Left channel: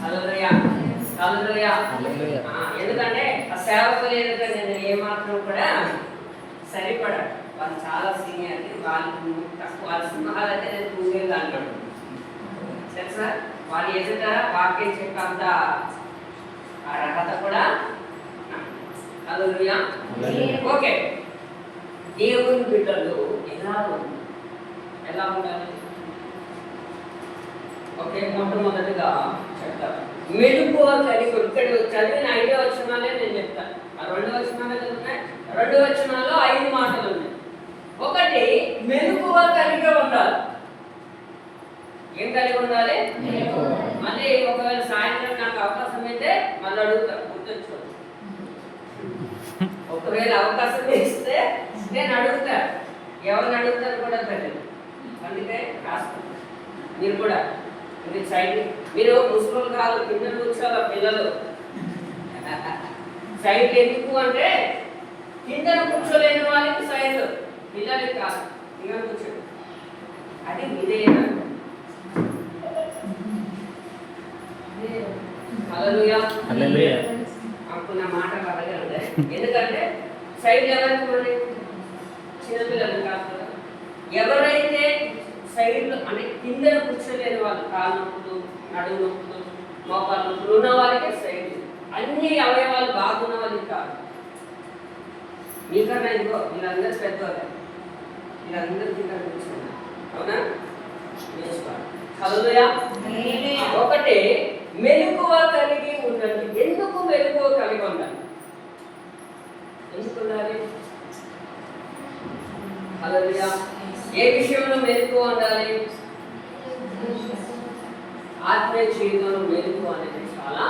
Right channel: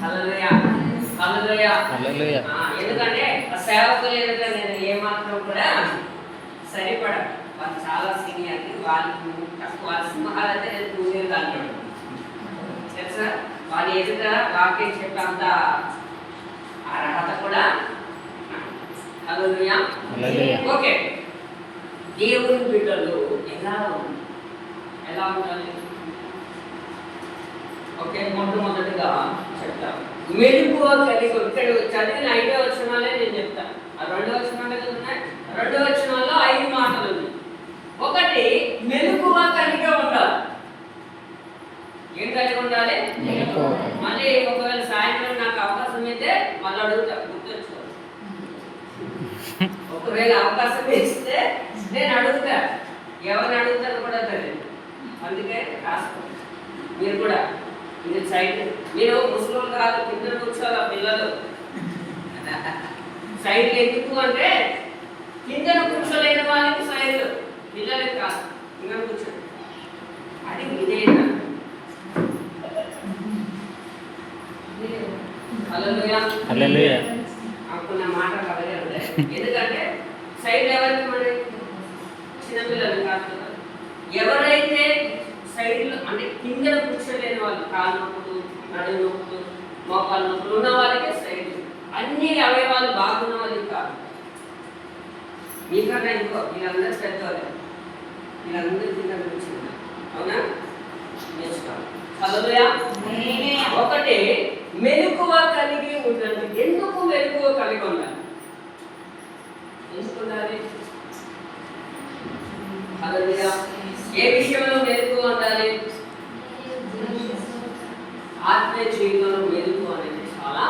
హల్లెలూయా హల్లెలూయా హల్లెలూయా. ఎందుకంటే ఆ సేవకులు ఎందుకంటే నేను ఏమాత్రం కూడా సరిపడా, వాళ్ళు చాలా సీనియర్, వాళ్ళకి తక్కువ, వాళ్ళ సింహాలు అయితే నేను పూజలు అంటాడు తెలుసా. వాళ్ళు ఎదుట వాక్యం చెప్పంత అర్హత కూడా. హల్లెలూయా. ఓకే, దేవుని బిడ్డలు ఎలా ఉండాలి? ఓకే, మొట్టమొదటిగా చెప్తాను, మెలకువ కలిగి. ఇక్కడ చదివిన 5వ వచనాలే నేను చెప్తాను. ఆ 2వ వచనాలు ఉన్నాయి, 2వ వచనాల్లో 5 మాటలు ఉన్నాయి. ఒకటి, మెలకువ కలిగి ఉండాలి. ఏం కలిగి ఉండాలి? మళ్ళీ ఒకవేళ సాయంత్రం నాకు అవకాశం అయితే మళ్ళీ అడుగుతా, గుర్తుంచుకో. ఒకవేళ అవకాశం ఇస్తే నేను అడుగుతా, ఎవరిని అడుగుతాను కూడా తెలియదు, అందుకే రాసుకో. మీరు కూడా ఇది సైడ్, మీరు ముస్లింలు కాదు, కింద కూర్చోవాలి పిల్లలు. సైడ్ ఎందుకు అంటే కింద కూర్చోలేని వాళ్ళకి సైడ్, పిల్లలకి కాదు, కింద కూర్చోండి. అది ఇదేనా? హల్లెలూయా హల్లెలూయా అనుకున్న మాట కలగే ఉంటాయి. ఎందుకంటే సైడ్ ఎవరికి, మన చిన్నపిల్లలు కాదు కదా. ఎవరైతే సైడ్లో అంటే కింద కూర్చోలేని వాళ్ళు, కాలు నొప్పులు, నడుము నొప్పులు, మోకాలు నొప్పులు ఉన్న వాళ్ళకే సైడ్. అన్ని అవయవాలు బాగున్న వాళ్ళకి కాదు. మీకన్నా ఇంకో వీళ్ళందరూ పెద్దవాళ్ళే, వీళ్ళందరూ కింద కూర్చున్నారు. అవునా? నేర్చుకోవాలి. హల్లెలూయా. ఒకటి, మెలకువ కలిగి ఉండాలి. ఎందుకు మెలకువ కలిగి ఉండాలి? ఎందుకు ఉండాలి? హల్లెలూయా. ఏ విషయంలో మెలకువ ఉండాలి? ఆత్మీయ జీవితంలో మెలకువ అనేది చాలా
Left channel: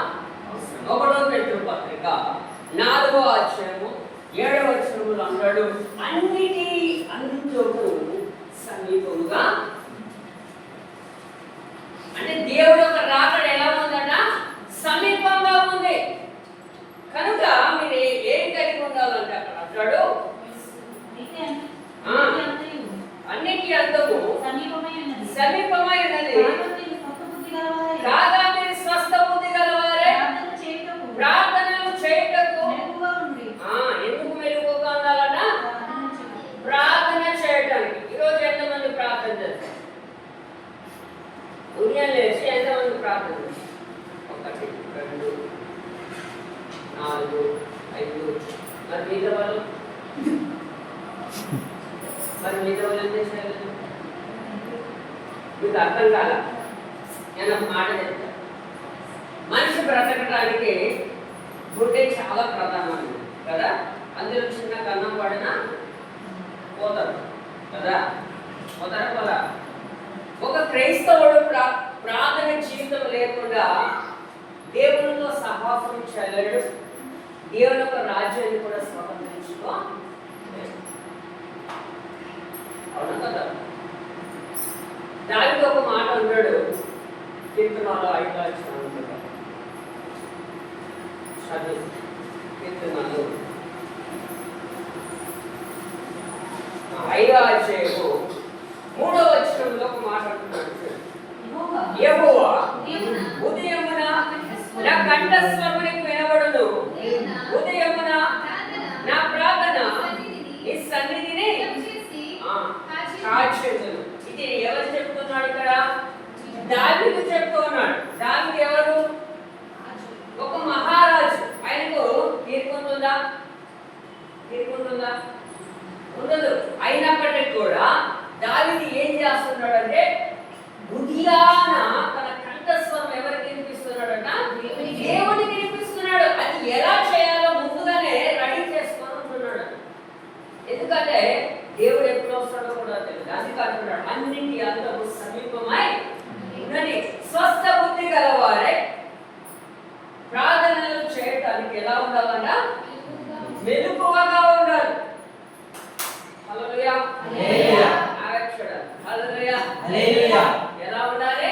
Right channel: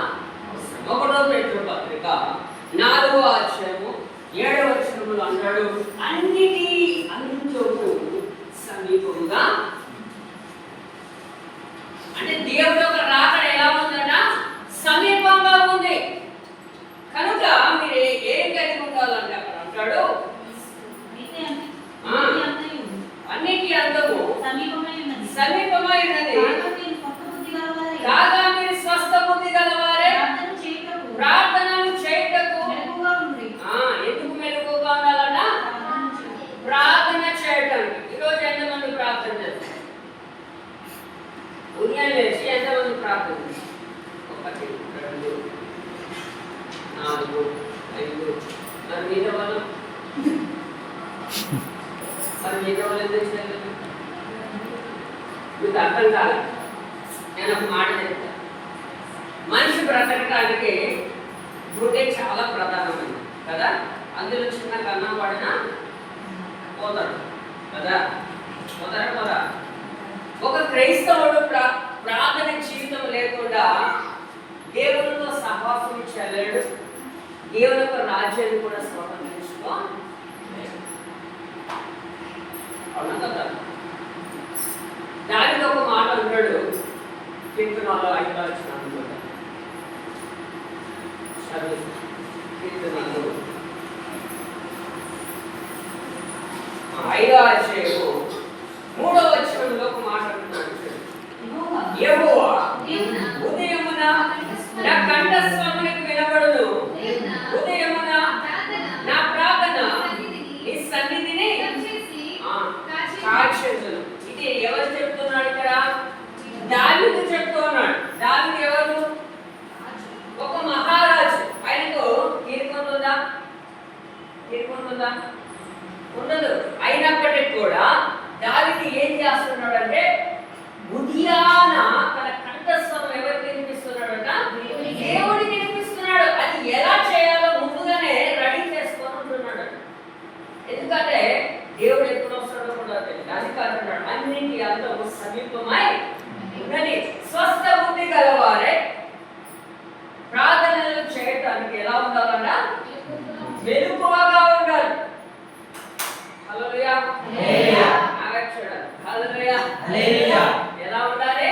అవసరం. 1వ పేతురు పత్రిక 4వ అధ్యాయము 7వ వచనంలో అంటాడు, అన్నిటి అందుకు సమీపముగా. అంటే దేవుడు యొక్క రాకడ ఎలా ఉందట? సమీపంగా ఉంది. కనుక మీరు ఏం కలిగి ఉండాలంటే అక్కడ అంటాడు, అన్నిటి అందము సమీపమై ఉన్నది, కాగా మీరు స్వస్థ బుద్ధి గలవారే ప్రార్థనలు చేయుటకు. ఎందుకు మెలకువగా ఉండాలన్నా? ప్రార్థన చేయటానికి. ఈరోజు ఎంతమంది ప్రార్థన చేస్తారు? ఉదయం లేచి ఎంతమంది ప్రార్థన చేస్తారు? 1, 2, 4, 5. మరి మిగతా వాళ్ళు ఎందుకు చేయలేదు? మీకు అర్థం కాదు. నేను ఒక మాట చెప్తాను. మనిషి బ్రతకడానికి బుద్ధి చాలా ప్రధానమైనది కదా. అందులో చిన్న కన్నం పడినా పోతాడు కదా, పోతాడు కదా. ఒక క్రైస్తవుడు ప్రార్థన జీవితం లేకుండా దేవునితో సహవాసం చేయలేడు, దేవుని యొక్క రాజ్యాన్ని కూడా స్వతంత్రించుకోలేడు. అవునా కదా? దానికి ఒక మాట ఉన్నాడు కీర్తనలో 5వ అధ్యాయం అనుకుంటా. కీర్తనలు 5వ అధ్యాయము 3వ వచనంలో ఒక మాట అంటున్నాడు, యెహోవా ఉదయమున నా కంఠస్వరమునకు వినబడును, ఉదయమున నా ప్రార్థన నీ సన్నిధిని కాక్షించును. ఇది ఎవరు చెప్తున్నాడు ఇక్కడ? దావీదు చెప్తూ ఉన్నాడు. దావీదు ఎవరు? ఒక మహారాజు. ఆయనకు తీర్పుందా? ఉండదు. అయినప్పటికీ కూడా దావీదు ఏం చేస్తున్నాడు అంటే ఉదయాన తన కంఠస్వరం ఎవరికి వినిపిస్తున్నాడంట? దేవుడికి వినిపిస్తున్నాడు. అది ఎలా చేయాలో ముందుగానే రెడీ చేసుకొని ఉంటున్నాడు. ఎందుకంటే దేవుడు ఎప్పుడు వస్తాడో కూడా తెలియదు. అది కాకుండా అన్నింటి అందరూ సమీపమై ఉన్నది. స్వస్థ బుద్ధి గలవారే ప్రార్థనలు చేయటానికి ఎలా ఉండాలన్నా? మెలకువగా ఉండాలి. హల్లెలూయా హల్లెలూయా. హల్లెలూయా హల్లెలూయా. ఎలా ఉండాలి?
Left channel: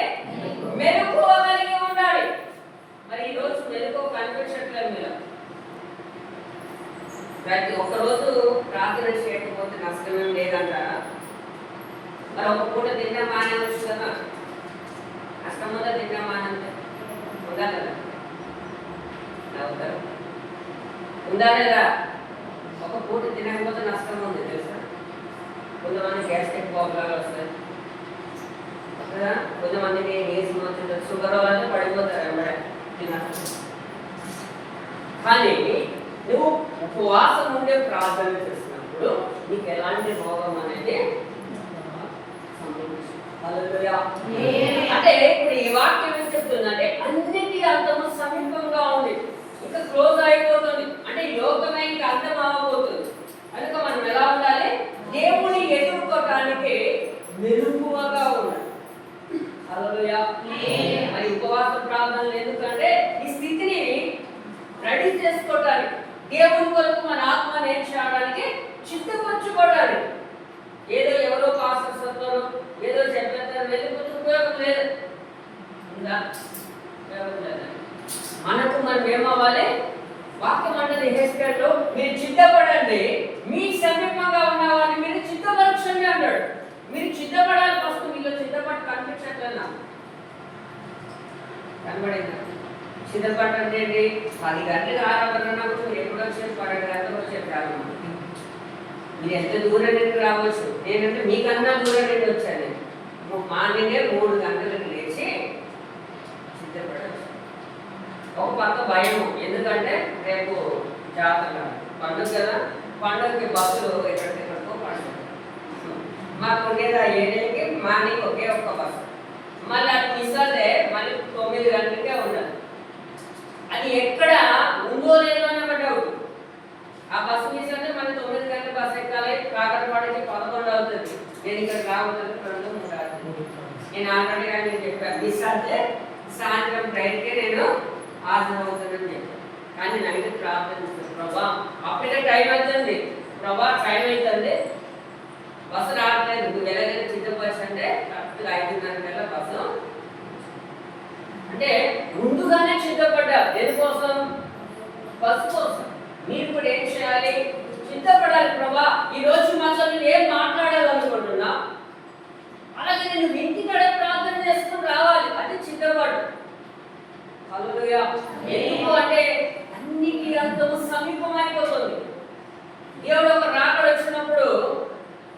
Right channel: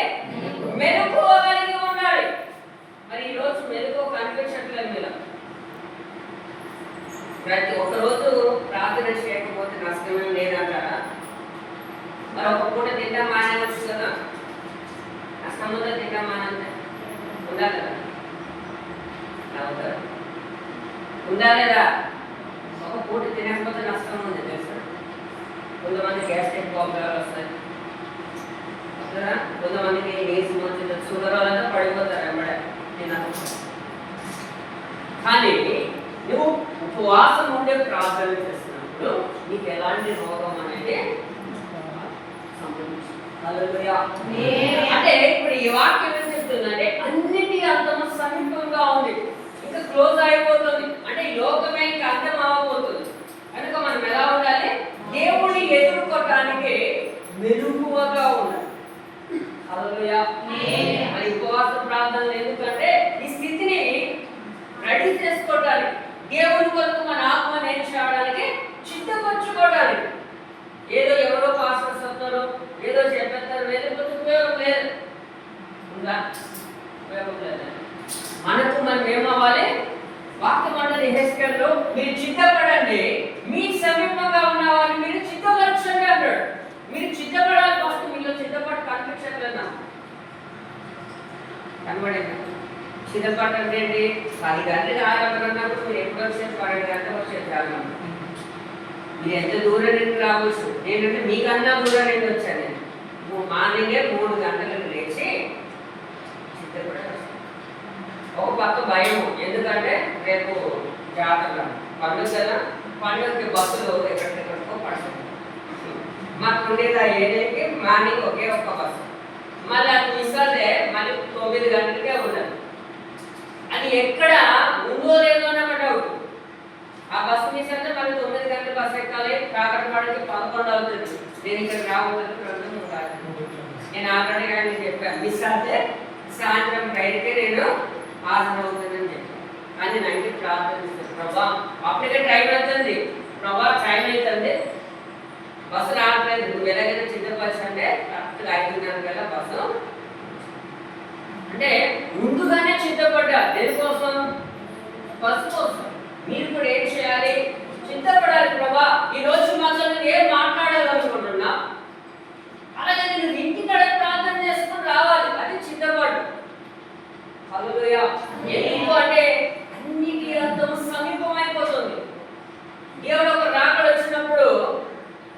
మెలకువ కలిగి ఉండాలి. మరి ఈ రోజు మెలకువ కనిపించట్లేదు. మీరు ప్రతి ఒక్కరోజు ప్రార్థన చేయకపోతే నష్టం లేదంటారా? మరి ఒక పూట తింటా మానేవచ్చు కదా, నష్టం ఉందా? తింటా మానంటే ఉందా కదా? ఉందా లేదా? ఒక పూట తినకపోతే నష్టం ఉంది తెలుసా? కొంతమంది గ్యాస్ట్రిక్ ప్రాబ్లమ్స్ వస్తాయి, కొంతమందికి ఏజ్ వచ్చింది, షుగర్ వాళ్ళంతా పడిపోతారు వెంబడే తినకపోతే. కానీ నువ్వు ఉపవాసం ఉండే ప్రార్థన చేసినప్పుడు నీకు ఎలాంటి రోగం అనేది అంటే ఇప్పుడు ఈ వాక్యం ఏం చెప్తుందంటే అన్నిటి అంతము సమీపంగా ఉంది, ఇంకా క్లోజ్ అయిపోతుంది, అంటే ఈ లోకమే ఇంకా అంతం అవ్వబోతుంది. కనుక మనం ఎలా ఉండాలి? దేవుడిని ఎదుర్కోవటానికి మెరుగుగా ఉండాలి. హల్లెలూయా. మరి ఉపవాస ప్రార్థనలు ఎందుకంటే ఈ స్థితిని రెడీ చేసుకోవడానికి, దేవుని కొరకు మన ఆత్మను ఏం చేయడానికి, సిద్ధపరచుకోవడానికి. ఏదో ఎవరో పాస్టర్స్ వస్తారు, ఏదో చెప్పేస్తారు, లేకపోతే ఉపయోగం లేదు. ఉందా? ఉపయోగం లేదు. మనకు మనం ఏమవ్వాలి? వాక్యం అంటది హెస్కేల్లో, మీరు సిద్ధపడండి, మీ సమీపంగా ఉన్న వారిని మీరు సిద్ధపరచండి అన్నాడు. మీరు సిద్ధపడాలి. ఫస్ట్ మీలో సిద్ధపడి కనిపించట్లేదా? కనబడింది. సిద్ధపడండి ఏంటి? 10 గంటలకు ఆరాధన అన్నప్పుడు మీరు ఎప్పుడు వచ్చేది? 12 గంటలకు వచ్చేది చాలా. మీరు ఎంత దూరం నుండి రావచ్చు, నేనంటే మీకన్నా దూరం నుండి వచ్చాను. నేను మార్నింగే 3 గంటలకు లేచి సిద్ధపడాలి. ఒక పక్క భయం, ఎందుకంటే రేపు జాతర పండుగ కదా, పండుగకి బస్సులు ఎక్కడికెక్కడికో పండుగ. మాకు ఉండేది ఆ ఏరియాకి మార్నింగ్ ఒకే ఒక్క బస్సు, మళ్ళీ అది మిస్ అయితే మళ్ళీ 9 గంటలకే ఉండాలి. అది ఎక్కడ ఉందో లేదో అన్న డౌట్. ఆ బస్సు మిస్ అయితే మళ్ళీ 9 గంటల బస్సు ఎక్కాలి, కాకరపాడికి 11 అవుతుంది. నేను ఇక్కడ రావద్దు 2 కాదు. నేను ఆల్రెడీ కానీ చెప్పాను, మిస్ అయితే సాయంత్రం ట్రైన్కే నేను హాజరు అవుతుందని చెప్పాను. కానీ నైట్ ప్రార్థిస్తాను, ప్రభా అప్పటికే టైం అవుతుంది, ప్రభా టైం అవుతుంది, బస్సు రావట్లేదు, నువ్వు ఎలాగైనా సిద్ధపరచంటే కరెక్ట్గా 5:30 కల్లా బస్సు. అంటే ముందుగానే సిద్ధపడ్డా. దేనికోసం? బస్సు కోసం. మీరు కూడా ఏం చేయాలి? సిద్ధపడాలి. ప్రభా ఈరోజు మాతో నేను ఏం మాట్లాడాలనుకుంటున్నా, అలాగే నేను ఇంటికి ప్రార్థన చేసుకుని రావాలి, అది సిద్ధపడు. హల్లెలూయా. ఎందుకు అంటే అన్నిటి అంతము సమీపం అయిపోతుంది. దేవుడు ఒక రాకడ వచ్చినప్పుడు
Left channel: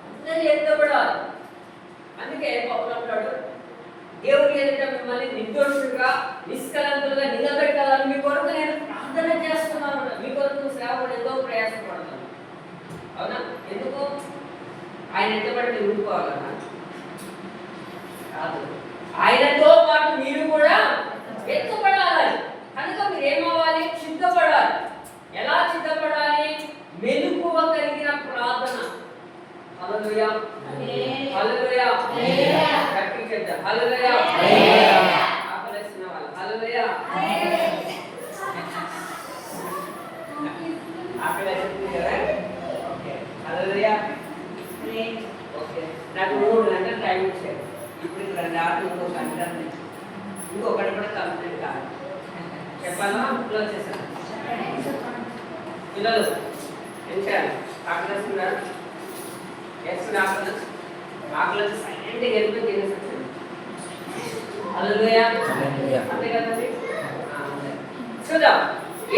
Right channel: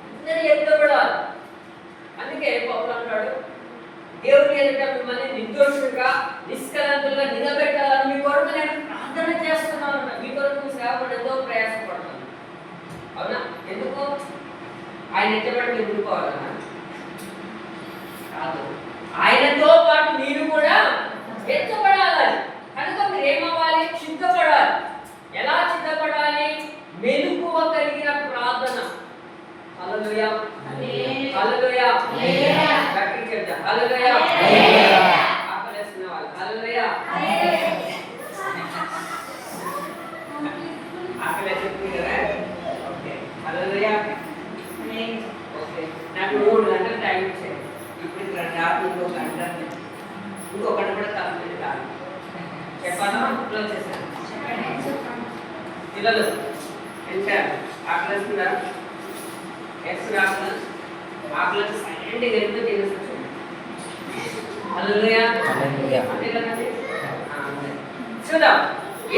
అందరూ ఎత్తబడాలి. అందుకే పౌలు అంటాడు, దేవుని ఎదుట మిమ్మల్ని నిర్దోషులుగా నిష్కలంకులుగా నిలబెట్టాలని మీ కొరకు నేను ప్రార్థన చేస్తున్నాను. మీ కొరకు సేవకుడు ఎంతో ప్రయాసపడుతున్నాను. అవునా? ఎందుకు? ఆయన ఎత్తబడితే ఉండిపోవాలన్నా కాదు, ఆయనతో పాటు మీరు కూడా ఎత్తబడాలి. కనుక మీరు ఏమవ్వాలి? సిద్ధపడాలి. ఎలా సిద్ధపడాలి? మెలకువ కలిగిన ప్రార్థన. హల్లెలూయా. హల్లెలూయా. గట్టిగా చెప్తా హల్లెలూయా. ఆకలేసిన వాళ్ళు హల్లెలూయా. ఆకలేసింది కదా? ఓకే హల్లెలూయా. ఓకే, నాకు 3 గంటలు టైం ఇచ్చాయి. ఇప్పుడు ఇక్కడ రాత్రి ఇంకో గంట, ఇంకో గంట కూడా కంప్లీట్ కాదు. చెప్పాలా? క్లోజ్ చేశాను. పిల్లలు పెంచారు, ఆకలిస్తుందా? వేస్తున్నా ఆకలి సైలెంట్గా వెళ్తే తినేసి హల్లెలూయా. అంతే కదండి. చూద్దాం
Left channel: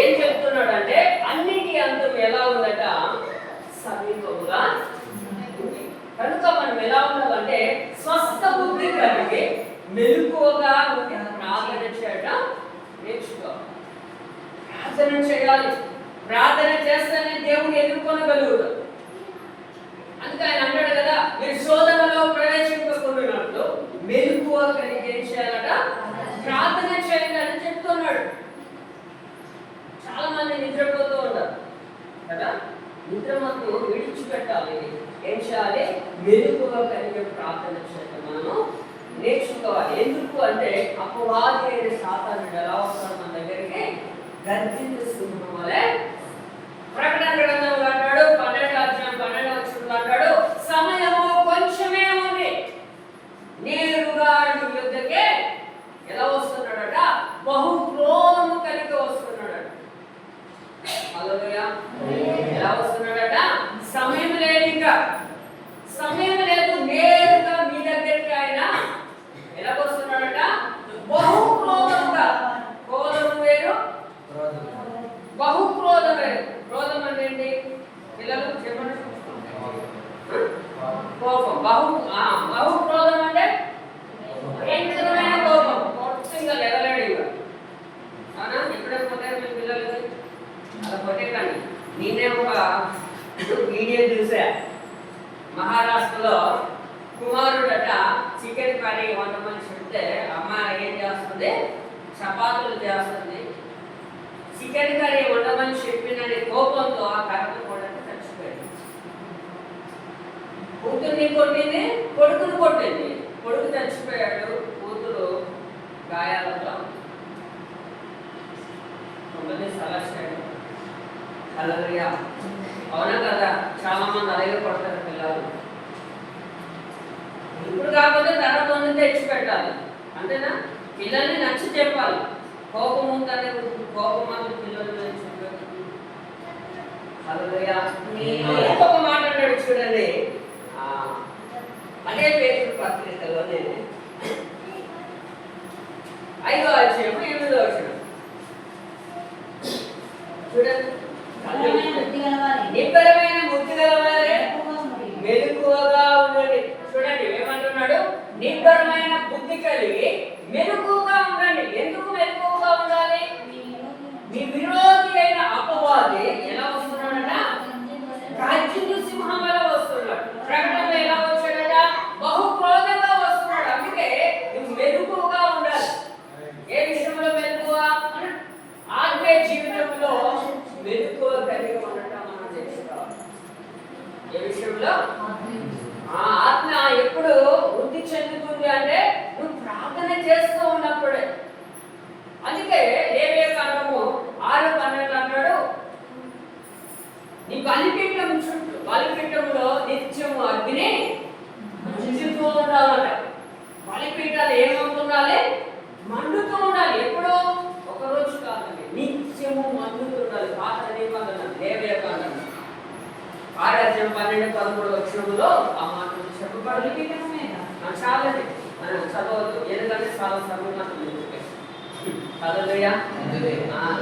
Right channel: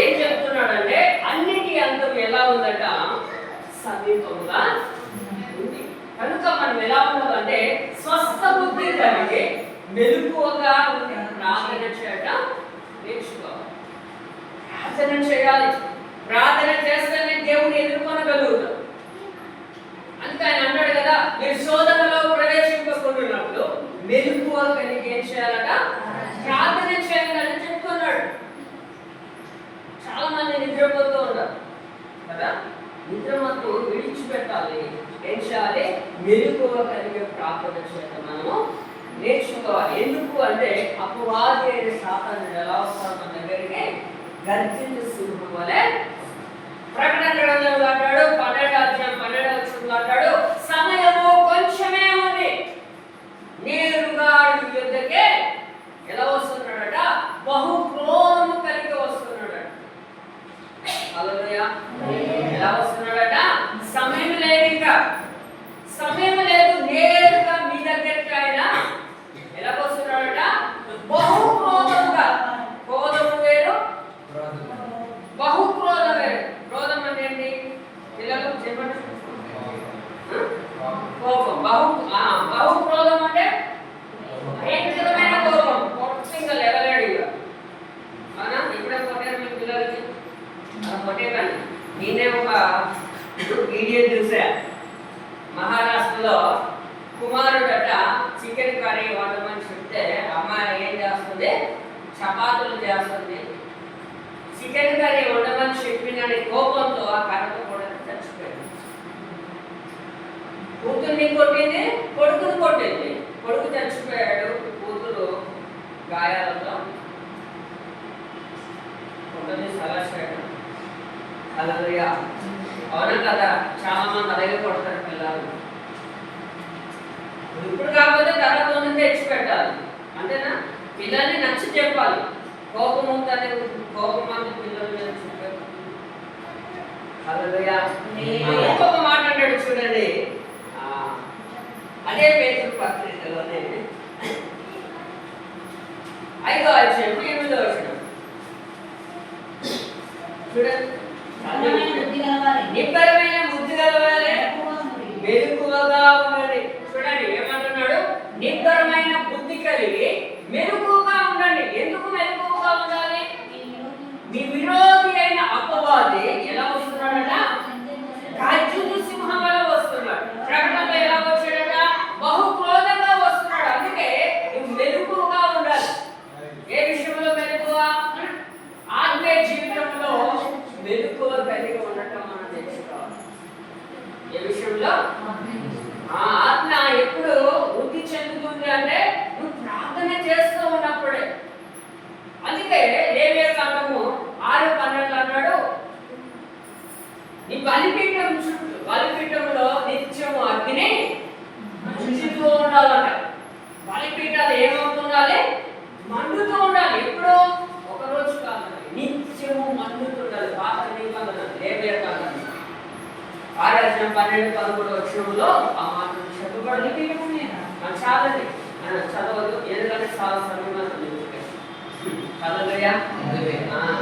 ఏం చెప్తున్నాడు అంటే అన్నిటి అంతం ఎలా ఉందట? సమీపంగా ఉంది. కనుక మనం ఎలా ఉండాలంటే స్వస్థ బుద్ధి కలిగి మెలకువగా ఉండి ప్రార్థన చేయడం నేర్చుకోవాలి. ప్రార్థన చేయాలి. ప్రార్థన చేస్తేనే దేవుని ఎదుర్కొనగలుగుతాం. అందుకే ఆయన అన్నాడు కదా, మీరు శోధనలో ప్రవేశింపకుండాన్నప్పుడు మెలకువ కలిగి ఏం చేయాలట? ప్రార్థన చేయాలని చెప్తున్నాడు. చాలా మంది నిద్రపోతూ ఉంటారు కదా, నిద్రమత్తు విడిచిపెట్టాలి. ఏం చేయాలి? మెలకువ కలిగే ప్రార్థన చేయడం మనము నేర్చుకోవాలి. ఎందుకు అంటే అపవాది అయిన సాతాను ఎలా వస్తారు మన దగ్గరికి? గర్జించే సింహం వలె. ప్రకటన గ్రంథంలో అంటాడు 12వ వచనంలో అంటాడు, సమయము కొంచెమే ఉంది, నేరుగా నీ యొద్దకే ఎలా వస్తున్నాడట? బహు క్రోధము కలిగి వస్తున్నాడట. హల్లెలూయా. ఎలా వస్తున్నాడట? సమయం లేదు, ఇంకా సమయం లేదు, నేరుగా మీ దగ్గరికి ఆయన ఎలా వస్తున్నాడట? బహు క్రోధముగా. చేస్తుంది, చపాతీలు చేస్తుంది. చికెన్ కర్రీ ఉండమని చెప్పినని కోపంతో ఆ కర్ర కూడా చచ్చిపోయింది. కూతుర్ని కొట్టింది, కొడుకుని కొట్టింది. కొడుకు చచ్చిపోయాడు, కూతురు గాయాలతో కొడుకుని సలచాడు. హల్లెలూయా. అవునా కదా? చాలా మంది అలాగే కొడతారు పిల్లలు. ఇప్పుడు కాకపోతే తర్వాత నుండి తెచ్చి పెట్టాలి, అంతేనా? పిల్లల్ని నచ్చి చెప్పాలి. కోపం ఉందని కోపం పిల్లలు చెప్పారు. హల్లెలూయా. ఇంకొక మాట అంటాడు చూడండి, అదే పేతురు పత్రికలోనే 5వ అధ్యాయం 8వ వచనం చూడండి. నిబ్బరమైన బుద్ధి గలవారే మెలకువగా ఉండండి. చూడండి ఏమంటున్నాడు? నిబ్బరమైన బుద్ధి కలిగి మెలకువగా ఉండండి. ఎందుకు మెలకువగా ఉండాలి? మీ విరోధి అయిన అపవాది ఎలా వస్తున్నాడట? రాజ్యులు సింహం వల్ల వస్తున్నాడు. ప్రకటనలో ఎలా వచ్చాడట? బహు క్రోధంగా వస్తున్నాడు. అందుకే నువ్వు మెలకువగా ఉండాలి. ఏ విషయంలో మెలకువ? ఆత్మీయ జీవితంలో మెలకువ కలిగి ఉండటం మనం తెలుసుకోవాలి. ఏ విషయంలో? ఆత్మ ఎప్పుడు వృద్ధి చెందుతుంది అంటే నువ్వు ప్రార్థన చేస్తూ ఉన్నప్పుడే. అందుకే లేవియా కాండము 6:12 అన్నాడు, నీ బలిపీఠం చుట్టూ బలిపీఠంలో నిత్యము అగ్ని మండుతూ ఉండాలట. బలిపీఠాలు ఏమవుతుండాలి? మండుతూ ఉండాలి. ఎప్పుడు? ఒకరోజు కాదు, నిత్యము మండుతూ ఉండాలి. పాత నిబంధన లేవియా కాండము 6:12-13 వచనంలో ఆ మాటలు చెప్పబడి చాలండి చదవదు, ఎందుకంటే చాలా సమయం చదవయ్యా.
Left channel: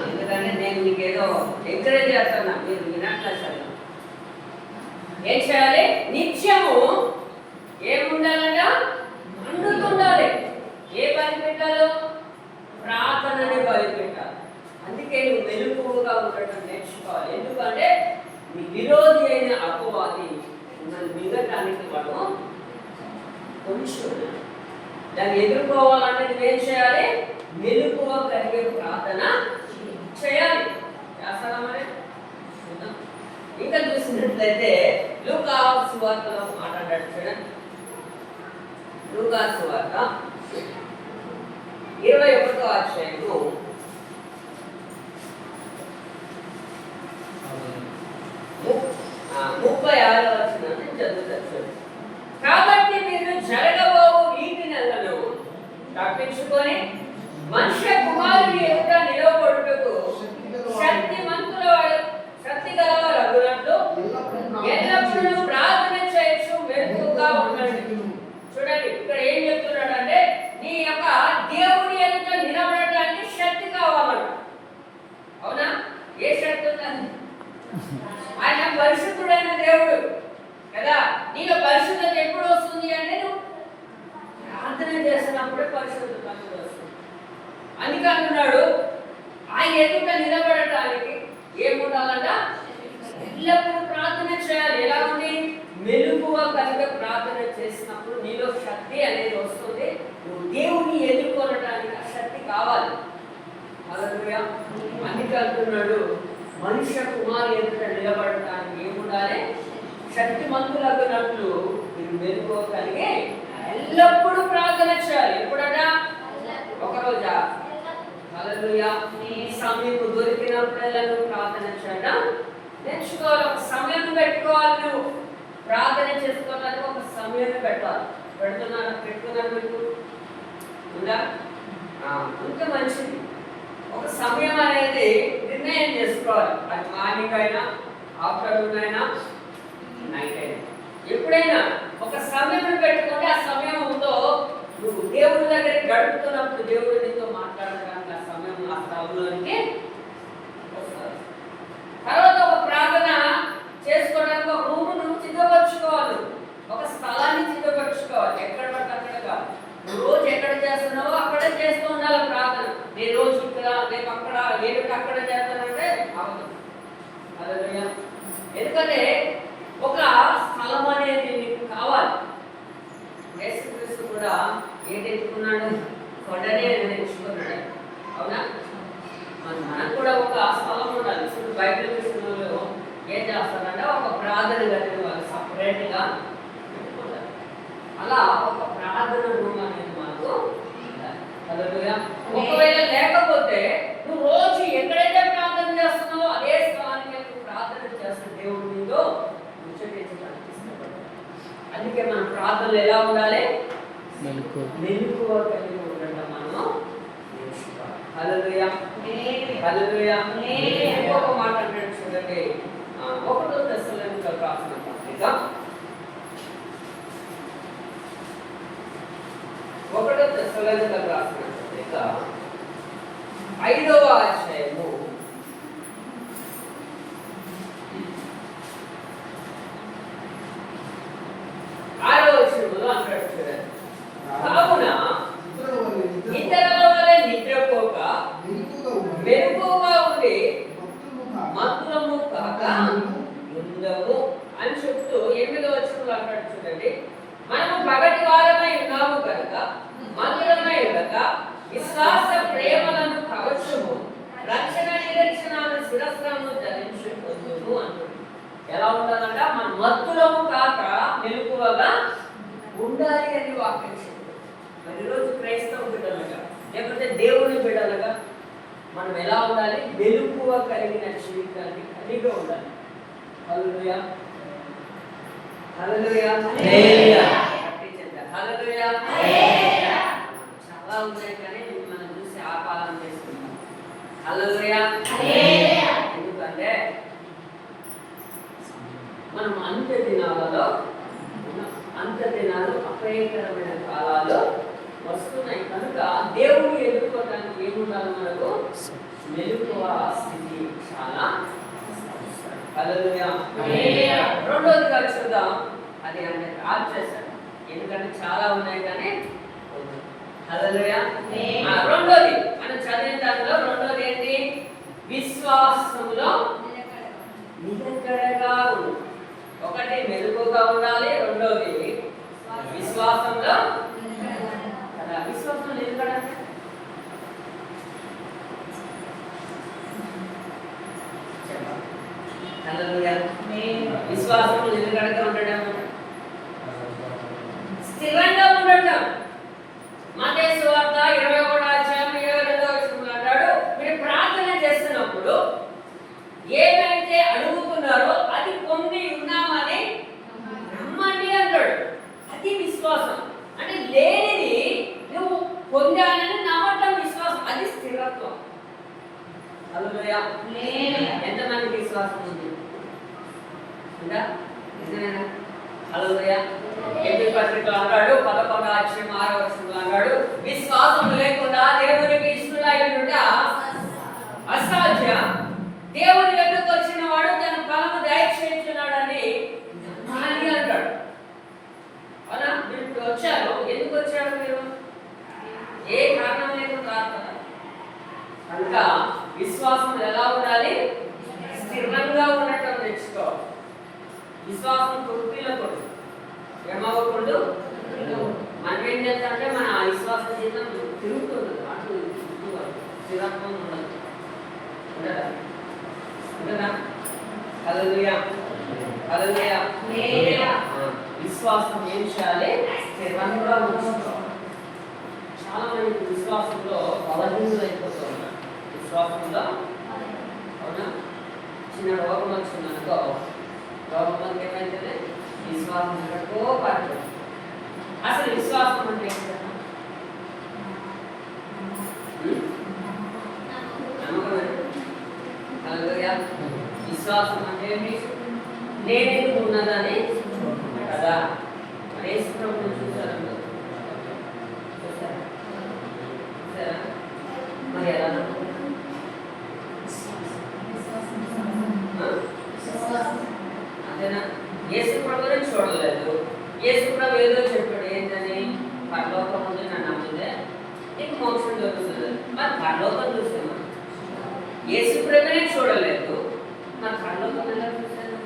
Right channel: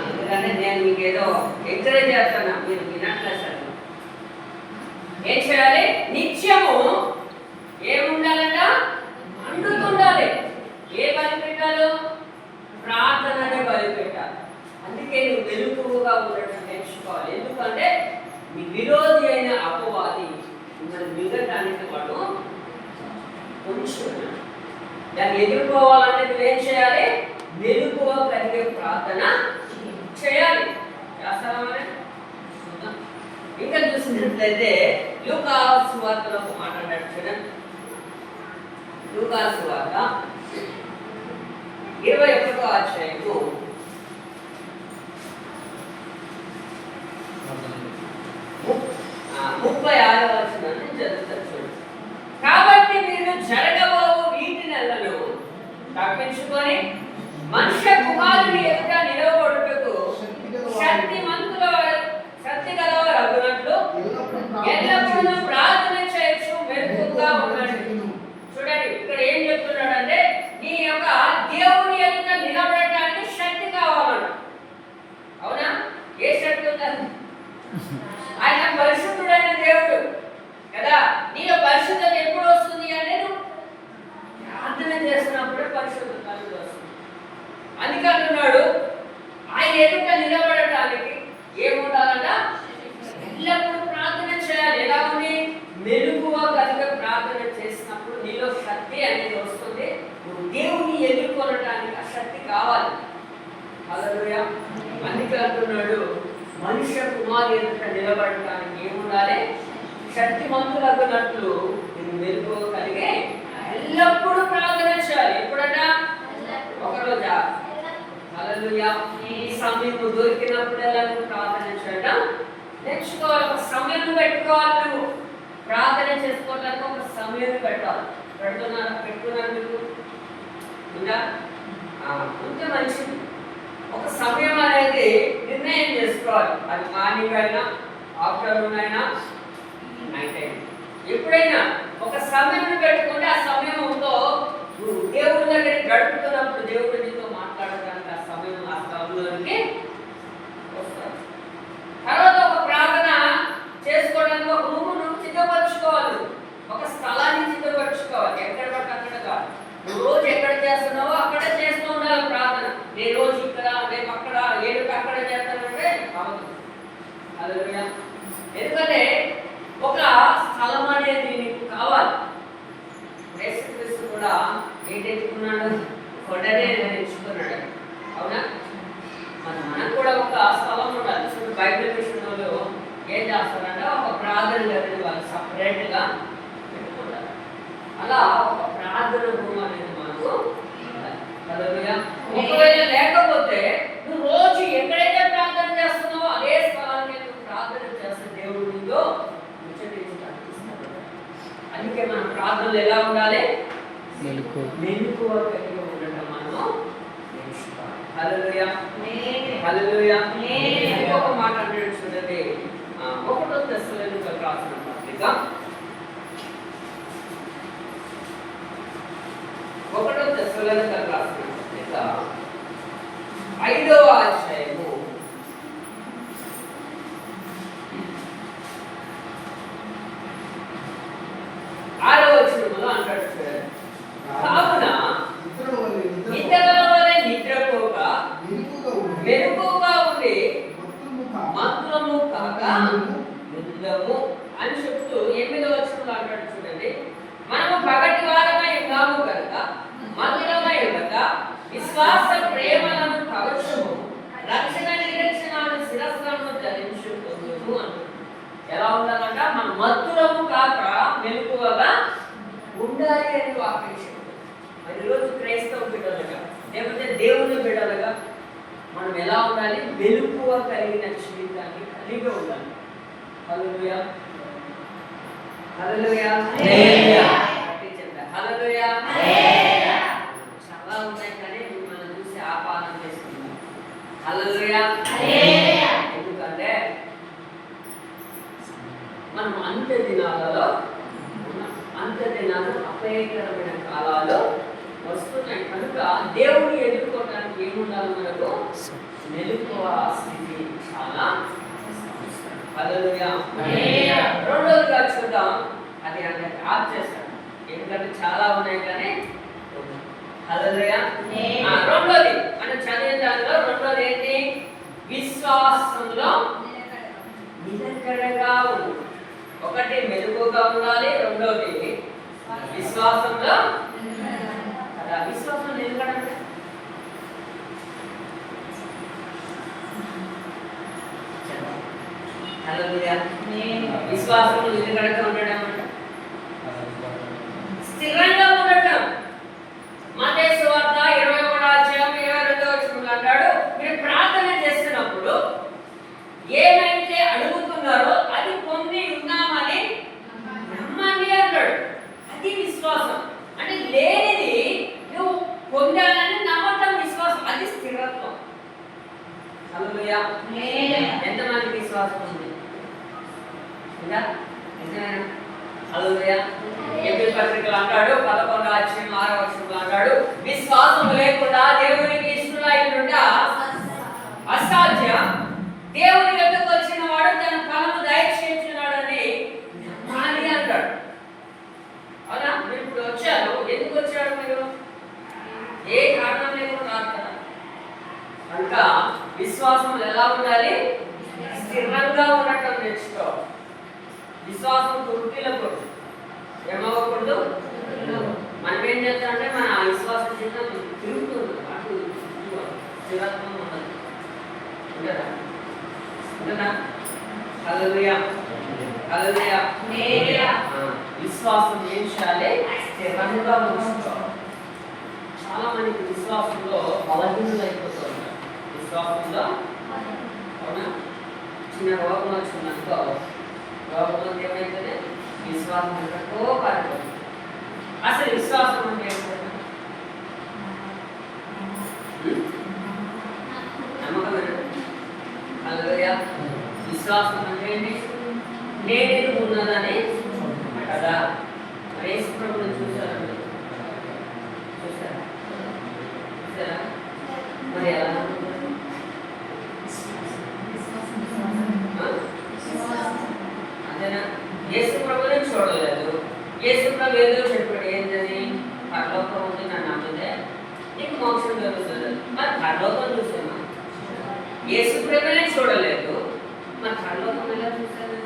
ఎందుకంటే నేను మీకు ఏదో ఎంకరేజ్ చేస్తున్నా, మీరు వినట్లే. సరే, ఏం చేయాలి? నిత్యము ఏముండాలంట? మండుతుండాలి. ఏ బలి పెట్టాలి? ప్రార్థననే బలి పెట్టాలి. అందుకే నువ్వు మెలకువగా ఉండటం నేర్చుకోవాలి. ఎందుకంటే మీ విరోధి అయిన అపవాది మిమ్మల్ని మిగటానికి వాడు కొంచెం దాన్ని ఎదుర్కోవాలంటే నువ్వేం చేయాలి? మెలకువ కలిగే ప్రార్థన చేయాలి. చేస్తామని ఇంకా చూసినట్లయితే లూకా సువార్తలో మాట్లాడాడు చూడండి. లూకా సువార్త 21వ అధ్యాయము 36వ వచనాన్ని చదువుతారు. కాబట్టి మీరు జరగబోవు వీటి నెలను తప్పించుకొని మనుష్య కుమారుని ఎదుట నిలబడుటకు శక్తి గలవారు అగునట్లు ఎల్లప్పుడూ ప్రార్థన చేయొచ్చు, మెలకువగా ఉండండి. చూడండి ఇక్కడ ఏం చెప్తున్నాడంటే నీ యొక్క దేవుని ఎదుట నిలబడటానికి శక్తి కావాలన్నాడు. అవునా? ఏ శక్తి ఉందండి? ఆయన పరిశుద్ధుడైన దేవుడు కదా. నీలో పరిశుద్ధత ఎప్పుడు వస్తుంది అంటే నువ్వు ప్రార్థన చేస్తున్నప్పుడే పరిశుద్ధత వస్తుంది. అందుకే అంటున్నాడు ఆయన ఎదుట నిలబడటానికి ఏముండాలంట? ఎల్లప్పుడూ ప్రార్థన చేయాలి. ఎలా ఉంది? మెలకువ కలిగే ప్రార్థన చేసినప్పుడు నీలో శక్తి అనేది వస్తుంది. నువ్వు దేవుని ఎదుర్కొనడానికి ఆ శక్తి కావాలి. హల్లెలూయా. అందుకే అంటున్నాడు మనుష్య కుమారు ఎదుట నిలబడటానికి ఏముండాలి? శక్తిమంతులగునట్లు మీరు మెలకువ కలిగే ఎల్లప్పుడూ ప్రార్థన చేయాలి. ఎప్పుడట? ఒకరోజా? హల్లెలూయా. ఈ సమయం దొరికినప్పుడల్లా నువ్వు ప్రార్థన చేయడం నేర్చుకోవాలి. ఒక సమయం పెట్టుకోవాలి. నువ్వు ప్రార్థన చేసుకోవడానికి ఒక సమయం పెట్టాలి. పెట్టుకున్నాను మీకు ఉందా? ఉంటే మంచిది. ఒక సమయం అనేది నిర్ణయం చేసుకోవాలి. అది మార్నింగ్ అయినా, ఆఫ్టర్నూన్ అయినా, నైట్ అయినా, ఎప్పుడైనా ఒక సమయం పెట్టుకుంటే ఆ సమయంతో నువ్వు దేవుడి దగ్గరికి గడుపుతున్నప్పుడు దేవుడు నీతో మాట్లాడడానికి ఆ సమయం ఆ స్థలంలోనికి వస్తారు. తర్వాత ఒక ప్రార్థన చేసుకోవడానికి ఒక రూమ్ నువ్వు సిద్ధపరచుకోవాలి. ఒక స్థలాన్ని సిద్ధపరచుకోవాలి. ఎక్కడ పడితే అక్కడ కాదు. నువ్వు రోజు ఎక్కడ చేస్తున్నావో అక్కడే చేస్తూ ఉండాలి ప్రార్థన. నేను రోజు ఇక్కడ, రేపు అక్కడ, ఏడు అక్కడ చేస్తానంటే అవదు. హల్లెలూయా. ఎందుకంటే ఒక స్థలం అనేది నీకు కావాలి. యేసుక్రీస్తు కూడా ఏంటి ఎత్తుకున్నాడు? కొండనే ఉన్నాయా? అలా ఒక ప్రార్థన రూమ్ అనేది మనకు ఉండాలి. ఒకవేళ లేకపోతే నువ్వు రోజు ఎక్కడైతే ప్రార్థన చేస్తున్నావో అదే స్థలానికి నువ్వు ప్రార్థన చేస్తే దేవుడు నీతో ముచ్చటించి కనిపిస్తాడు. అందుకే మన ప్రార్థనలు ఎలా ఉండాలి? మెలకువ కలిగి ఉండటం మనము నేర్చుకోవాలి. హల్లెలూయా, హల్లెలూయా. ఇంకొక మాట అంటే చూడండి, 1 తెస్సలోనికీయులకు రాసిన పత్రిక 1 తెస్సలోనికీయులకు రాసిన పత్రిక 5వ అధ్యాయము 6వ వచనంలో అంటాడు చూడండి, కావున ఇతరుల వలె నిద్రపోక మెలకువగా ఉండి మత్తులము కాక యుద్ధము అని చెప్తూ 8వ వచనంలో అంటాడు చూడండి, మనము పగటి వారమై ఉన్నాము కనుక మధురమై ఉండక విశ్వాస ప్రేమలను కవచము రక్షణ నిరీక్షణను శిరస్సులను ధరించుకుందుము అంటాడు. ఎలా ఉండాలంట? మన మత్తులము కాక మెలకువగా ఉండాలి అని వాక్యం చెప్తుంది. మరి ఈరోజు క్రైస్తవ బిడ్డలుగా లేకపోతే దేవుని బిడ్డలుగా మనం ఎలా ఉండాలి? మెలకువ కలిగిన జీవితాన్ని కలిగి ఉండాలి. హల్లెలూయా, హల్లెలూయా, హల్లెలూయా. చాలా ఉన్నాయి కానీ మనం చూసి ఆపాదన చేసుకుంటాం. హల్లెలూయా. ఎందుకంటే మనం అంత్య దినాలలో అపాయకరమైన కాలాలు వస్తున్నాయి కనుక దేవుని ఎదుర్కోవడానికి ఏముండాలి? మనకు మెలకువ స్థితి చాలా అవసరం. హల్లెలూయా. రెండోదిగా చూద్దాం, అది అందరికి ఆఫ్ చేస్తాను ఎందుకంటే చాలా ఉన్నాయి కానీ. హల్లెలూయా. రెండోది మనం చదివిన దానిలో రెండోది ఏంటి? విశ్వాసంలో నిలకడగా ఉండాలి. ఒకటి మెలకువగా ఉండాలి, రెండోది విశ్వాసంలో కదా. విశ్వాసంలో నిలకడ హల్లెలూయా. విశ్వాసంలో నిలకడగా ఉండడం, స్థిరంగా ఉండటం. మత్తయి సువార్త 21వ అధ్యాయం 22వ వచనంలో అంటాడు, మీరు ప్రార్థన చేస్తున్నప్పుడు ఏమైతే అడుగుతున్నారో అది పొంది ఉన్నామని నమ్మండి అంటాడు. అది విశ్వాసం. అంటే లేనిది నువ్వు పొందాలని నమ్మటం విశ్వాసం, అది స్థిరత్వం. హల్లెలూయా. ఎంతమందికి విశ్వాసం ఉంది? నిజమేనా? హల్లెలూయా. ఎబ్రీ పత్రికలో అంటాడు 11వ అధ్యాయం 6వ వచనంలో అంటాడు, విశ్వాసం లేకుండా దేవునికి ఇష్టలై ఉండుట అసాధ్యం. దేవుని వద్దకు వచ్చిన వాడు తన ఫలము దయచేస్తున్నాడని నమ్మాలి అంటాడు. అవునా? మీరు ఇప్పుడు వచ్చారు, ఎందుకు వచ్చారు? మీరు ఏ కారణం లేకుండా రాదు కదా. కనుక విశ్వాసం ఎలా ఉండాలి? స్థిరంగా ఉండటం నేర్చుకోవాలి. విశ్వాసం తుర్తిలకూడదు, ఏమవ్వకూడదు. మనం ఏం చేస్తామంటే మన విశ్వాస జీవితం తిరుగుతుంది, అటు స్థిరత్వం ఉండదు. ఉండదా? ఉండదా? హల్లెలూయా, హల్లెలూయా. విశ్వాసం ఏం చేయాలి? స్థిరంగా ఉంచుకోవాలి. చాలా మందికి విశ్వాసంలో బలహీనలు అయిపోతూ ఉంటారు. విశ్వాసంలో అవునా, చిన్న రోగం వచ్చిందనుకో, రోగంలో ఏమైతుంది? విశ్వాసం ఎంతకో పడుతుంది. అసలు విశ్వాసం అంటే ఏంటంటే నమ్మకం. హల్లెలూయా. విశ్వాసం అంటే ఏంటి? లేనిది ఉన్నదని కదా. యేసు ప్రభువుని చూసారండి, చూసారా? చూసారా? మరి ఎలా అంతేనా? యేసు ప్రభువుని చూడలేదు. యేసు ప్రభు ఏదో చెప్పాడు, ఏంటని? పరలోకం ఉంది నా నమ్మితే నీకు మోక్షం దొరుకుతుంది. మరి పరలోకం చూసామా? యేసు ప్రభువునే చూడలేదు, మరి పరలోకం ఎలా చూసాను?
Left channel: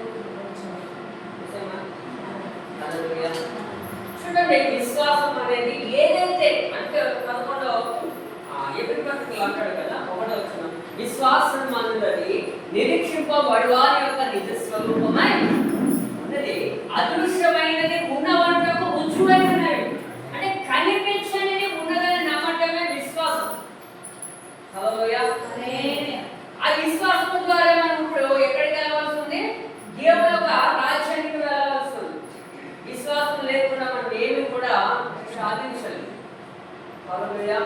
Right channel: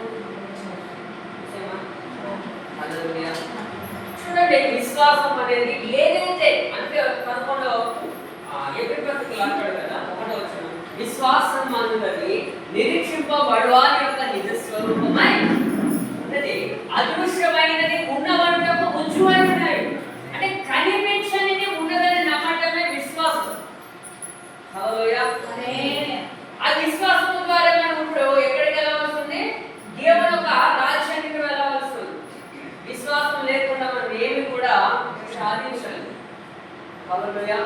చూసామా? హల్లెలూయా. చూడండి, విశ్వాసం అనేది ఏదైతే అంటే 11వ ఎబ్రీ పత్రికలో అంటాడు కదా, 1వ వచనం, విశ్వాసం అన్నది నిరీక్షింపబడు వారి యొక్క నిజ స్వరూపమై అదృశ్యమైనది, అదృశ్యమైనది ఉన్నవంటకు రుజువైనవి. అంటే కనిపించనిది ఉన్నదని నమ్మటమే విశ్వాసం. హల్లెలూయా. ఆ విశ్వాసం ద్వారా మనం ఇప్పుడు ఎక్కడికి వెళ్ళవలసి ఉంది? దేవుని యొక్క రాజ్యానికి వెళ్ళవలసి ఉంది. విశ్వాసం లేకుండా మనం ఏమి కూడా సాధించలేము. హల్లెలూయా.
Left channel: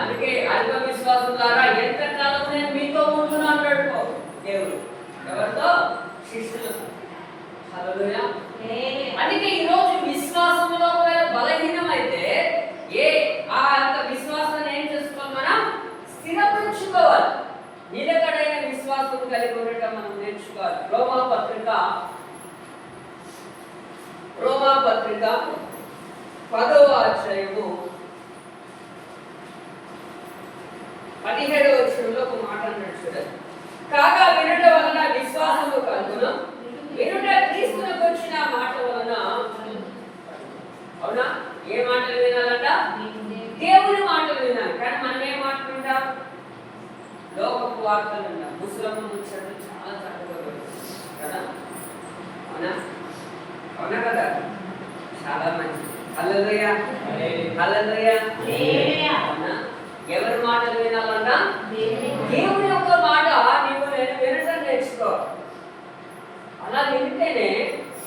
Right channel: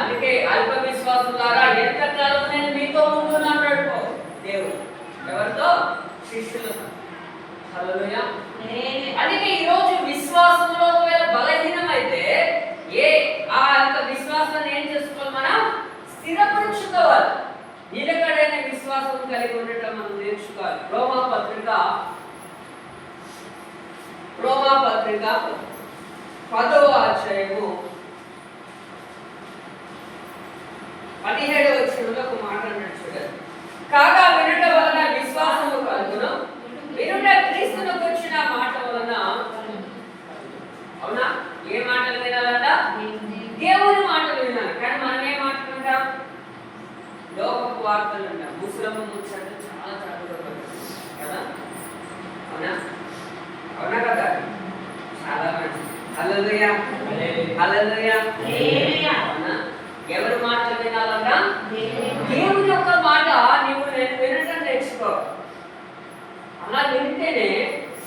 అందుకే అల్ప విశ్వాసం ద్వారా ఎంతకాలం నేను మీతో ఉంటున్నా అన్నాడు దేవుడు. ఎవరితో? శిష్యులతో. హల్లెలూయా. అందుకే ఈరోజు విశ్వాసంలో ఒకవేళ బలహీనమైతే ఆ యొక్క విశ్వాసాన్ని ఏం చేసుకోవాలి? మనం స్థిరపరుచుకోవాలి. నిలకడైన విశ్వాసం కలిగి ఉండటం మనం నేర్చుకోవాలి. రోమా పత్రిక 10వ అధ్యాయము 17వ వచనంలో ఒక మాట అన్నాడు చూడండి. కాగా వినుట వలన విశ్వాసము కలుగును, వినుట క్రీస్తునకు వచ్చిన మాట వలన. అవునా? ఏ మాటలు వినాలంట? దేవుని మాటలు వినాలి. కానీ మనం ఏ మాటలు వింటాం? లోకపు వార్తలు వింటాం. ముసలమ్మ ముచ్చట్లు చాలా కదా. అవునా? అవునా కదా? చాలా మంచిది. హల్లెలూయా. హల్లెలూయా. అవునా? ఎవరి మాటలు వినాలంట? దేవుని యొక్క మాట నీవు వినటం నేర్చుకో. అలా వింటేనే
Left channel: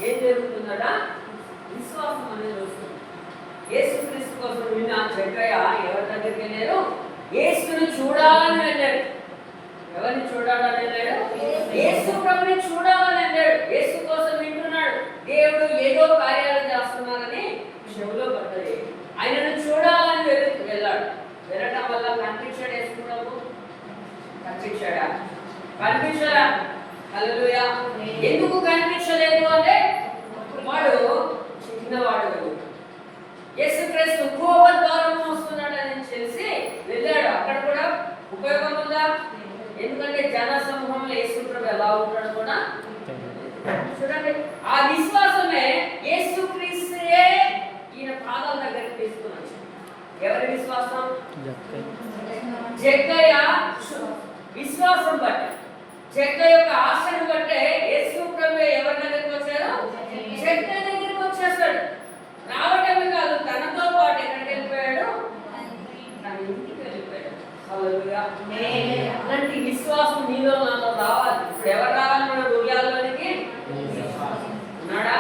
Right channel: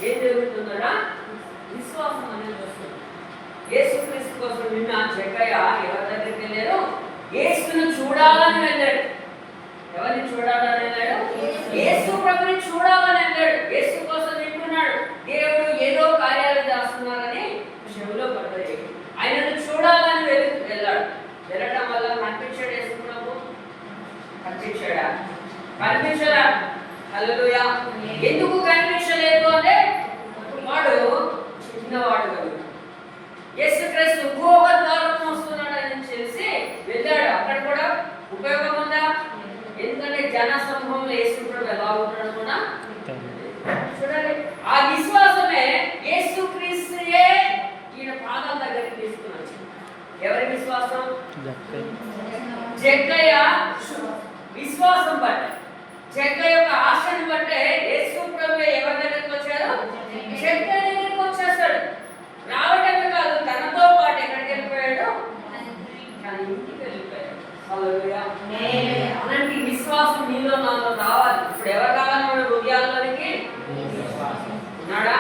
ఏం జరుగుతుందట? విశ్వాసం అనేది వస్తుంది. యేసుక్రీస్తు కోసం విన్న జక్కయ్య ఎవరి దగ్గరికి వెళ్ళారు? యేసును చూడాలని వెళ్ళాడు. ఎవరిని చూడాలని వెళ్ళాడు? యేసు ప్రభుని చూడాలని వెళ్ళాడు. యేసు కోసం వింటున్నాడు. దేవుడు ఏదో కార్యాలు చేస్తున్నారని చెవిలో పడ్డది. ఆయనను చూడాలని వెళ్ళాడు. వెళ్ళటం వల్ల కనిపించాడు యేసు ప్రభు? కనిపించాడా? కనిపించడా? హల్లెలూయా. ఎందుకు కనిపించలేదు అంటే వాడు చిన్నవాడు కదా. యేసుక్రీస్తు ఇంకొక ద్వారం వస్తున్నాడని చేసి వెళ్ళాడు. అక్కడ కూడా ఉపయోగం ఉందా? ఎందుకంటే జన సమూహంలో యేసు ప్రభు ఎలా ఉంటాడు కూడా చూడండి. ఆ విశ్వాసమే యేసుక్రీస్తుయే ఈయన పాదాల దగ్గరికి తీసుకున్నాడు. ఎవరి విశ్వాసం? జక్కయ్య విశ్వాసం బట్టి, జక్కయ్య యొక్క ఆశను బట్టే యేసు ప్రభు ఎవరి దగ్గరికి వచ్చారు? జక్కయ్య దగ్గరికి వచ్చేస్తాడు. రావటమే కాదు, తనతో పాటు ఎక్కడికి వెళ్ళిపోయాడు? తన ఇంటికి వెళ్ళిపోయాడు. హల్లెలూయా. అలాంటి విశ్వాసం నీలో నాలో రావాలి. ఇప్పుడు ఎవరు రావాలి మన హృదయాల్లోనికి? ఉన్నాడా?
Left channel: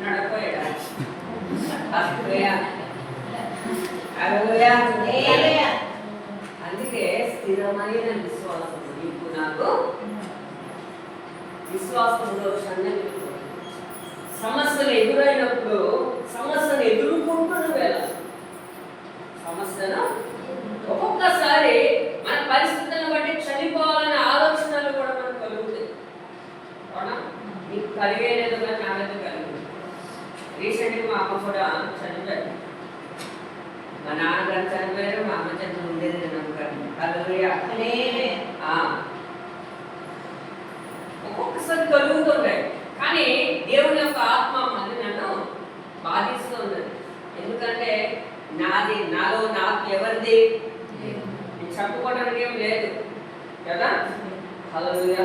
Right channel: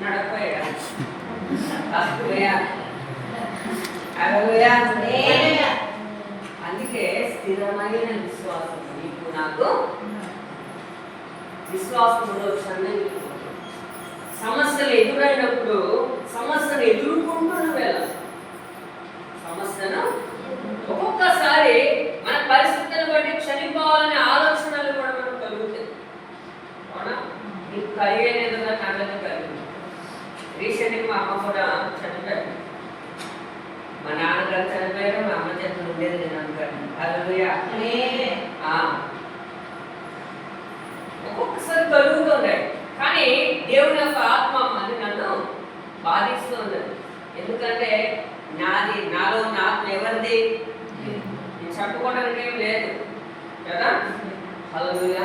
నడపోయాడా? అందుకే స్థిరమైన విశ్వాసం నీకు నాకు విశ్వాసంలో సన్నగిలిపోతుంది. సమస్యలు ఎదురైనప్పుడు సమస్యను ఎదుర్కొంటూ వెళ్ళాలి. సమస్యను ఒక్కొక్కసారి మన పరిస్థితులను బట్టి చనిపోవాలనే ఆలోచనలు కూడా మనకు కలుగుతాయి. అవునా? నీకు కలిగేలేదుగా నాకైతే కలిగింది. రీసెంట్గా మా అమ్మ కూడా చనిపోయారు. మా నాన్నగారు చనిపోయారు, మా అమ్మ చనిపోయి ఉండేది నేను అనుకోండి. హల్లెలూయా. ఒక్కొక్కసారి కలుగుతుంటాయి. కానీ దేవుని యొక్క ఆత్మ మళ్ళీ నన్ను బాధిస్తూ ఉండదు. ఎందుకంటే నాలో నాకు ఎవరిది? నేను చెప్పుకోవడానికి ఏం లేదు కదా. హల్లెలూయా.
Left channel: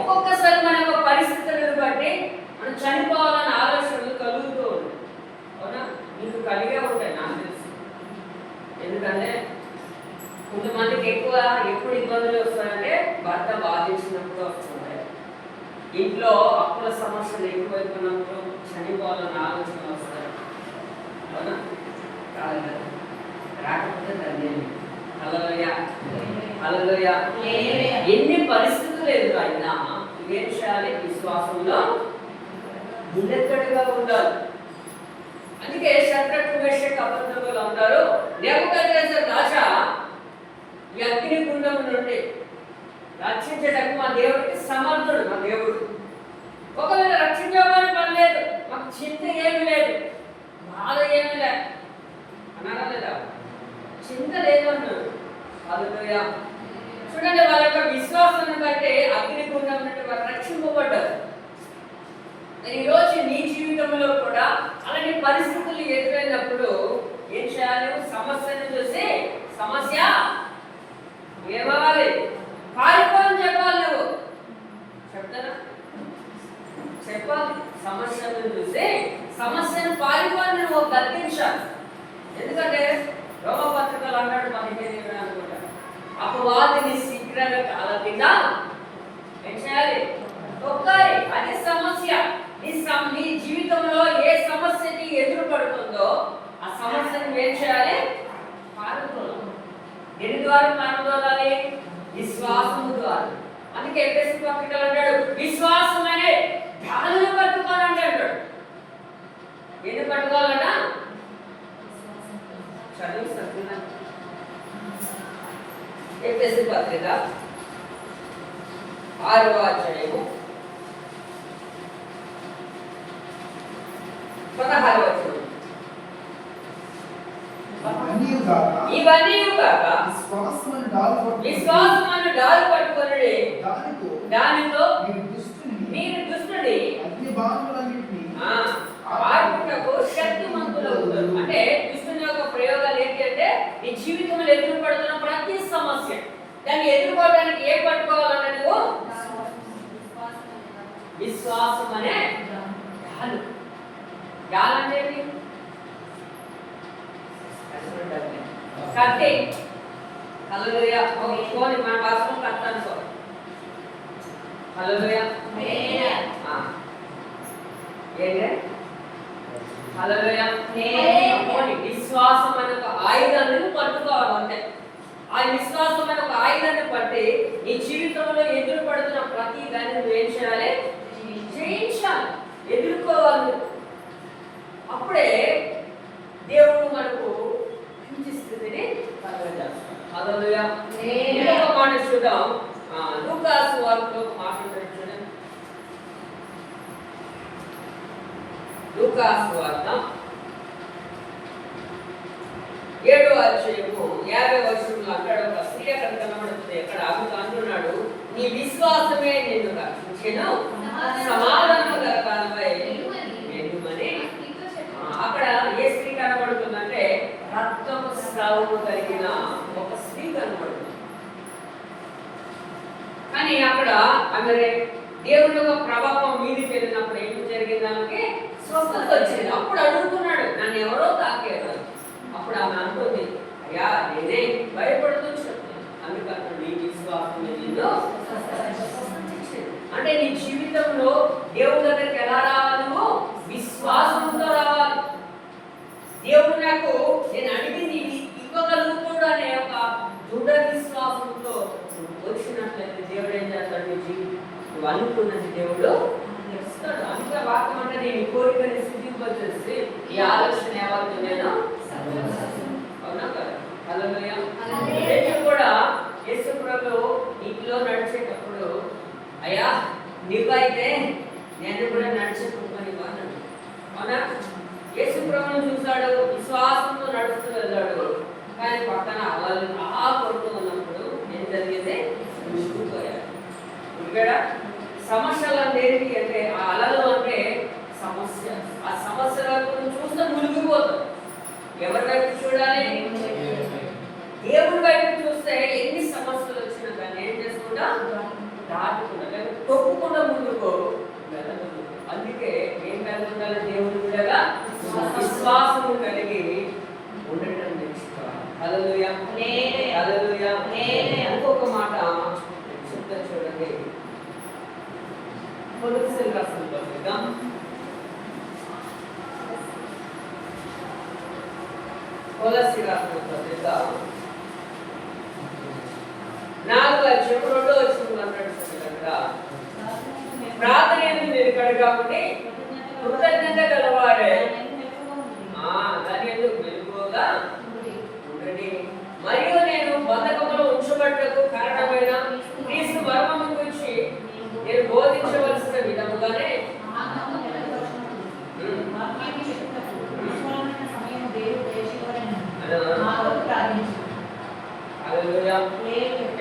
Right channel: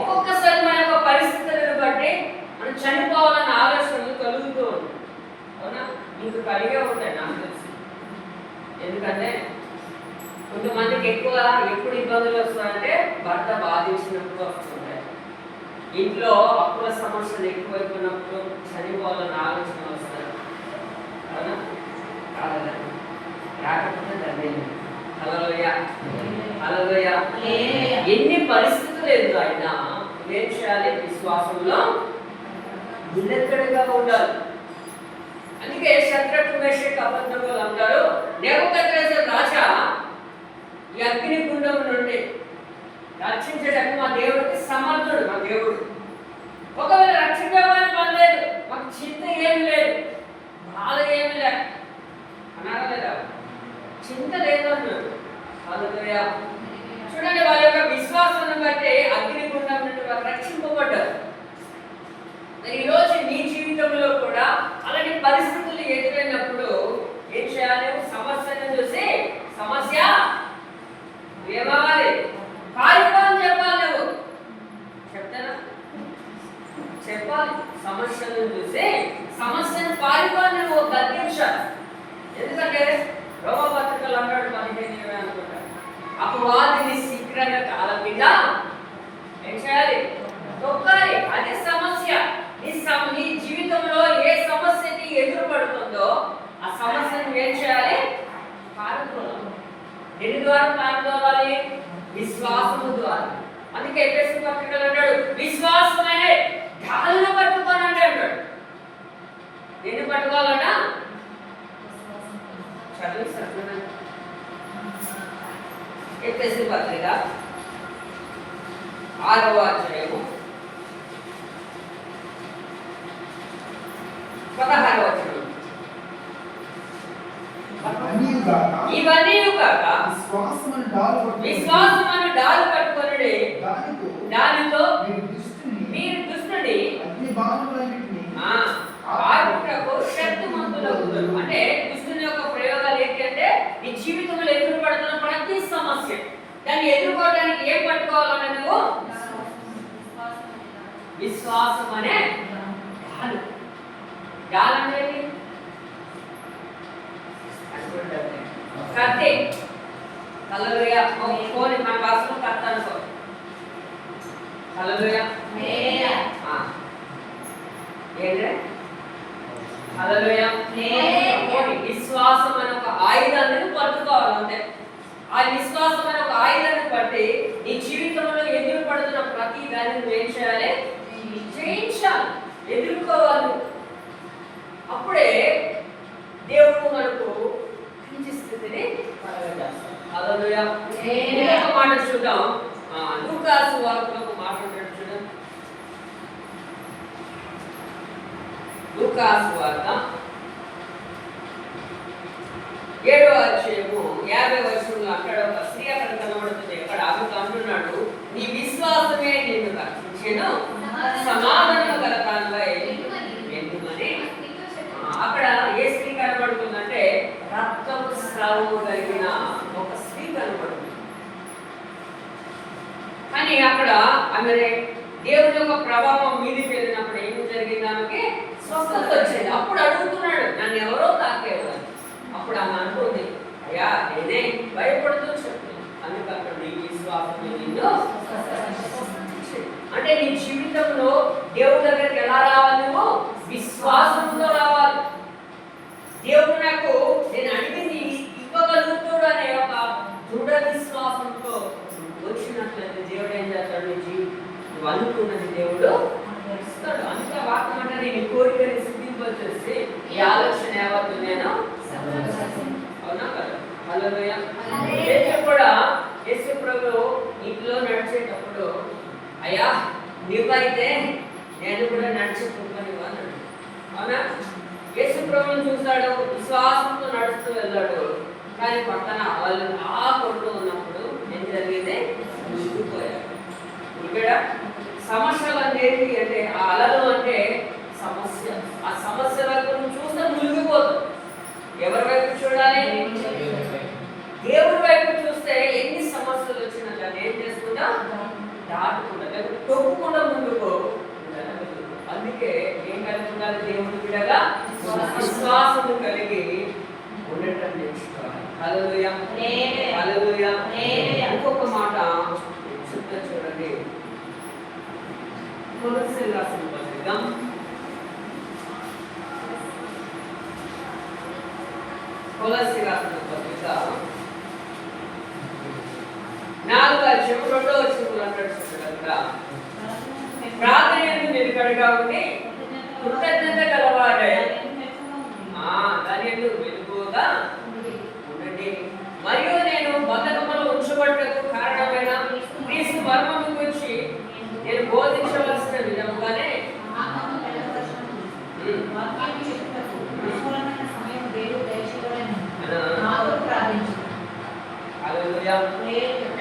ఒక్కొక్కసారి మన యొక్క పరిస్థితులను బట్టి మనం చనిపోవాలన్న ఆలోచనలు కలుగుతూ ఉంటాయి. అవునా? నీకు కలిగే ఉంటాయి నాకు తెలుసు. ఎందుకంటే కొంతమందికి ఎప్పుడు ఇబ్బందులు వస్తాయంటే భర్త బాధించినప్పుడు వస్తుంటాయి. ఇంట్లో అప్పుల సమస్యలు ఎక్కువైపోయినప్పుడు చనిపోవాలన్న ఆలోచన వస్తాయి. అవునా? కాదు, రాకపోతే ధన్యమే. హల్లెలూయా. హల్లెలూయా. ఎన్ని పరిస్థితులు ఎదురైనా ఏం చేయాలి? విశ్వాసంలో నిలకడగా ఉండాలి. అందుకే శద్రకు మేషకు అబద్ధములు అంటారు. నెబుకద్నెజరు రాజా ఈ అగ్నిగుండం నుండి రక్షించడానికి మా దేవుడికి సమర్థుడు. మా దేవుడు ఒకవేళ రక్షించమని పని లేదు, మాకు చింత ఏమి లేదు, బాధ ఏమి లేదు అన్నారా లేదా? చింత లేదు అన్నాడు. హల్లెలూయా. చూడండి, వాళ్ళ యొక్క విశ్వాసాన్ని బట్టి అగ్నిగుండం నుండి వారు రక్షింపబడ్డారు. ఈరోజు నీ జీవితంలో కూడా అలాంటి పరిస్థితులు ఎదురైనప్పుడు ఏం చేయాలి? సమస్యను చూసి సమస్య ఏమవ్వాలి? పారిపో అని చెప్పాలి. నువ్వు కాళ్ళ కింద ఏం చేయాలి? తొక్కాలి. అది సమస్య. నీ జీవితంలో ఏ సమస్యకి ఎదురుపడుతుందో ఆ సమస్యను ఏం చేయాలి? పారదోలాలి. దేని ద్వారా పారదోలాలి? విశ్వాసము ద్వారా. అందుకే ఎఫెసీ పత్రికలో అన్నాడు, విశ్వాసమనే ఢాలును పట్టుకొని అంటాడు. దేన్ని పట్టుకోవాలన్నా చదివిస్తాను. ఎఫెసీ పత్రిక 6వ అధ్యాయము 16వ వచనం. ఇవన్నీ కాక విశ్వాసమును డాలు పట్టుకొనుడి, దానితో మీరు దుష్టుని ఆర్పుటకు శక్తిమంతులగుదురు. అంటే దుష్టుని యొక్క ప్రయోగాలు ఏంటి అంటే నీ జీవితంలో ఎదురుపడుతున్న ప్రతి సమస్య దాన్ని ఎదుర్కోవడానికి ఏం పట్టుకోవాలంటే నువ్వు విశ్వాసం అనే డాలు. డాల్ అంటే కత్తి. హల్లెలూయా. ఫోన్ మన భాషలో కత్తి అనుకో. హల్లెలూయా. ఏంటే హల్లెలూయా. విశ్వాసం అనే ఒక ఆయుధాన్ని పట్టుకోవాలి. అంతే. ఆ విశ్వాసం అనే ఒక ఆయుధాన్ని పట్టి నీ జీవితంలో ఎదురుపడుతున్న ప్రతి దాన్ని నువ్వు ఏం చేయాలి? జయించాలి, ఎదుర్కోవాలి. అప్పుడే దేవుడు మనకు మంచి స్థితిని కలగజేస్తాడు. హల్లెలూయా. ఇంకొక మాట చూద్దాం. లూకా సువార్తలో ఒక మాట ఉంటాడు చూడండి. లూకా సువార్త 7వ అధ్యాయము 50వ వచనంలో అక్కడ ఒక స్త్రీ అక్కడ కనబడుతుంది. అక్కడ ఆమెకు అంటున్నాడు, నీ విశ్వాసమే నిన్ను రక్షించెను, సమాధానం గల దానిపై వెళ్తుమని. అక్కడ ఏ స్త్రీ కనబడుతుందంటే రక్తము స్రావము కలిగిన ఒక స్త్రీ కనబడుతుంది. కానీ అక్కడ ఆమె దేవుని యొక్క ప్రభావం మీదికి వెళ్ళినప్పుడు ఏం జరిగింది? ఆమెకి స్వస్థత వచ్చింది. అప్పుడు అడుగుతున్నాడు, నన్ను ఎవరో తాకేవారు. అప్పుడు ఆమె అనుకుంది, అయ్యా నేనే భయపడుతూ చెప్తాను. అందుకంటే నీ విశ్వాసం నిన్ను. అంటే నీ జీవితంలో దేవుడి దగ్గరికి ఎలా రావాలి? నువ్వు విశ్వాసంతో రావాలి. దేవుడు నాకు నేను అడిగింది ఇవ్వగలుగుతాడు అనే ఒక దృఢ విశ్వాసంతో వచ్చినట్లయితే దేవుడు ఏం చేస్తాడు? నీ జీవితం నువ్వు అనుకున్నది దేవుడు ఇస్తాడు. అందుకే వాక్యం అంటే నేను కోరికని సిద్ధింపచేసి ఈ ఆలోచన ఏవద్దు నేను. అవునా కదా? హల్లెలూయా. కూడా యేసు ప్రభువు ఇంట్లో నడిచేటప్పుడు, అయ్యా నువ్వైతే నేను కూడా నడిచిపోనివ్వు అన్నాడు. అవునా? యేసు ప్రభువుని చూశాడు, విశ్వాసంతో నడుస్తూ వెళ్ళాడు. కానీ పక్కన వాళ్ళు ఆ కొడుతూ ఉన్నప్పుడు ఏం జరిగింది? మునిగిపోయాడు. ఇక్కడ సమస్యలు ఏంటి అంటే ఆ అలలు అంటే సమస్య. ఆ సమస్య వైపు నువ్వు చూస్తే మునిగిపోతావు. ఎవరి వైపు చూడాలి? దేవుడి వైపు చూస్తే ఎన్ని సమస్యలు వచ్చినా దాన్ని ఏం చేసుకుంటా? దాటుకుంటా, లేకపోతే తొక్కుకుండా ముందుకో. అందుకే ఏం కలిగి ఉండాలి? దేవుడి బిడ్డగా విశ్వాసము కలిగి ఉండటం నేర్చుకోవాలి. హల్లెలూయా. హల్లెలూయా. ఇంకొక మాట చెప్తాను చూడండి. కొలస్సీయులకు రాసిన పత్రిక 4వ అధ్యాయం 2వ వచనంలో అంటాడు చూడండి. ప్రార్థనయందు నిలకడగా ఉండి కృతజ్ఞత గలవారై దాని యందు మెలకువగా ఉండండి. మరియు నేను బంధకములో ఉంచబడ్డకు కారణమైన క్రీస్తు మర్మము గురించి నేను బోధించవలసిన విధముగానే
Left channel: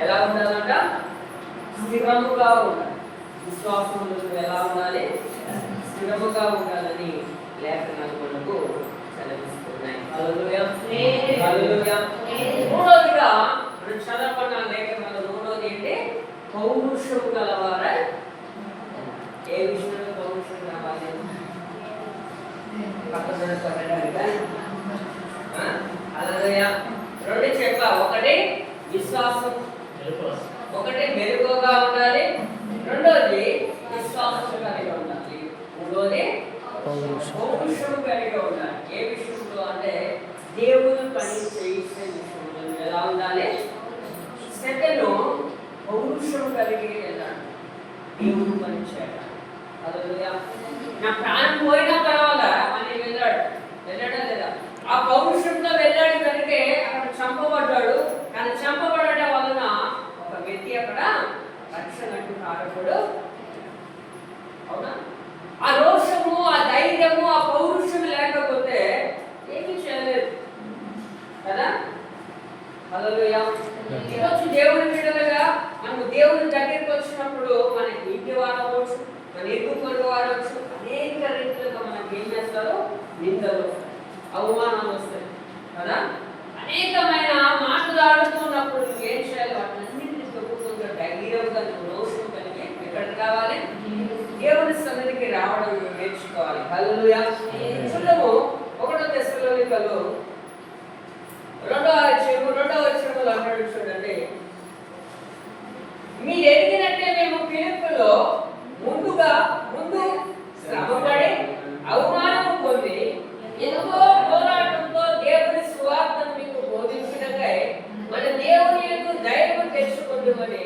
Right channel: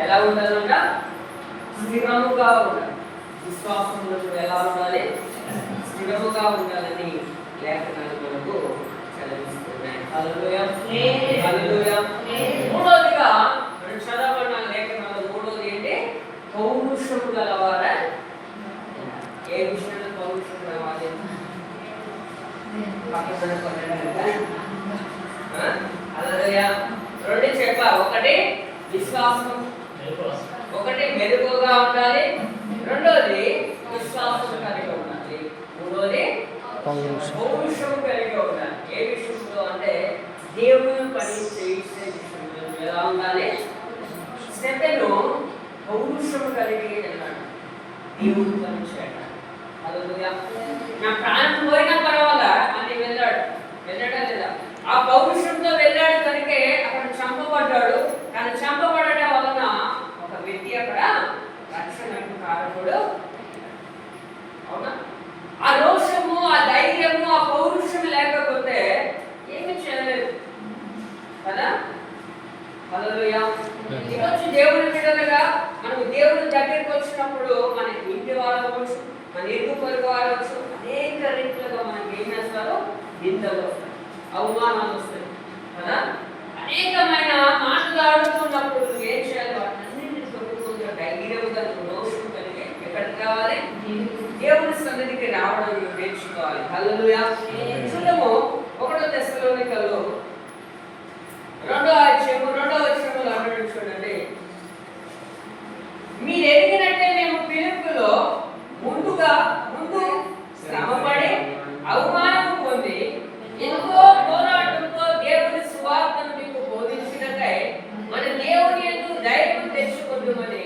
ఎలా ఉండాలంట? స్థిరముగా ఉండాలి. విశ్వాసంలో ఎలా ఉండాలి? స్థిరముగా ఉండాలని లేఖనాలు మనకు చదివిస్తున్నాయి. హల్లెలూయా. హల్లెలూయా. మూడోదిగా మనం చదవబడిన లేఖనాలు మూడోది ఏంటి? పౌరుషము గలవారా. ఏ విషయంలో పౌరుషం రావాలి? పక్కన హల్లెలూయా. రెండు చెప్పా. ఒకటి విశ్వాసం, ఒకటి మెరుగుగా ఉండాలి, రెండోది విశ్వాసం కలిగి ఉండాలి, మూడోది పౌరుషం కలిగి ఉండాలి. ఏ విషయంలో అంటే దేవుని పని చేసే విషయంలో ఎలా ఉండాలి? సెకండ్ పౌరుషం కలిగి వెళ్ళాలి, దేవుని పని చేయాలి. హల్లెలూయా. నా ప్రాణం పోయినా పర్వాలా అని వెళ్ళాడా లేదా? ఆ పౌరుషంతో వెళ్ళాడు కనుకే అక్కడ చంపబడ్డాడు. కానీ చంపబడడం వలన ఒక వ్యక్తి అక్కడ రక్షణకు కారకుడు. అవునా? ఆ రోషము, ఆ ధైర్యము, ఆ పౌరుషం లేకపోతే ఏమి చేయలేదు కదా. హల్లెలూయా. ఈరోజు దేవుని బిడ్డలుగా మనకు దేవుని దగ్గరికి వచ్చినప్పుడు మన ఇంటి వారు అవ్వచ్చు, మన ఇరుగు పొరుగు వారు అవ్వచ్చు, అనేక రీతిలుగా మనకి ఏం చేస్తారు? నిందలు వస్తాయి, అవమానాలు వస్తాయి కదా. అనేకమైన మాటలు ఆడుతున్నప్పుడు ఏం చేయాలి? వాటన్నింటినీ తొలుగుతుంటే ధైర్యంగా రోషం కలిగి ఎక్కడికి రావాలి? దేవుని సన్నిధికి రావడం నేర్చుకోవాలి. హల్లెలూయా. చూడము 1 తెస్సలోనికలు 2వ అధ్యాయములో అన్నాడు చూడండి, మీరు ఎదిగినట్టే మేము పిలుపులో ముందు శ్రమపడి అవమానం పొంది ఎంతో పోరాటంతో దేవుని సువార్తను మీకు బోధించినకై మన దేవుని యందు ధైర్యం తెచ్చుకుంటామని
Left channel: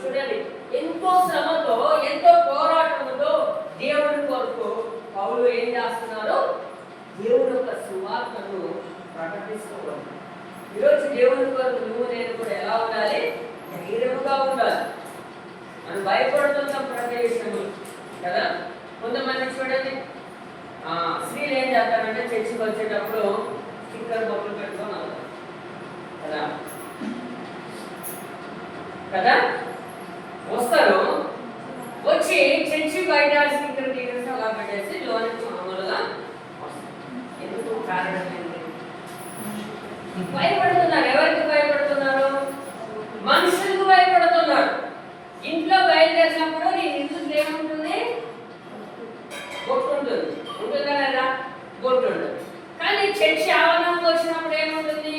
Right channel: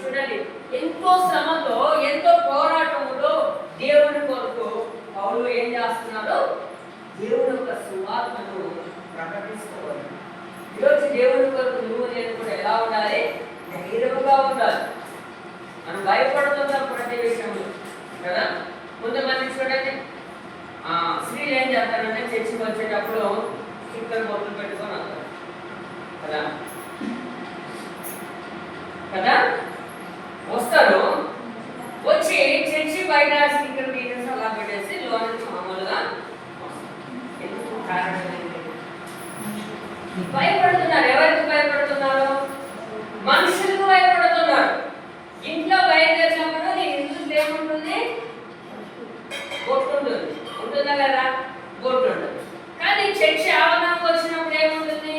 చూడండి. ఎంతో శ్రమతో, ఎంతో పోరాటంలో దేవుని కొరకు పౌలు ఏం చేస్తున్నారు? దేవుని యొక్క సువార్తను ప్రకటిస్తున్నారు. ఈరోజు దేవుని కొరకు నువ్వు నేను కూడా ఎలా ఉండాలి? ధైర్యముగా ఉండాలి. మనం భయపడుతున్నాం ప్రతి విషయంలో కదా. కొంతమంది చూడండి, స్త్రీలు ఏం చేస్తారంటే చర్చికి వచ్చేటప్పుడు చిక్కలు బొట్లు పెట్టుకొని వస్తారు కదా కదా. వస్తారు, వచ్చి చర్చి బయట స్పీకర్ గీటర్స్ అలా పెట్టేసి లోన్ నుంచి మామూలుగా వస్తారు. ఎందుకు? కారణం ఏంటి? భయపడుతున్నారు. ఎవరికి భయపడుతున్నారు? మనుషులకు భయపడుతున్నారు. ఇంట్లో బయలుదేరినప్పుడు నీ ఇంట్లో ఏముంటుంది? బొట్టు ఉంటుంది, ఉంటుందా లేదా? బొట్టు ఉంటుంది. కానీ చర్చి ఆవరణకు వచ్చినప్పుడు ఏముంటుంది?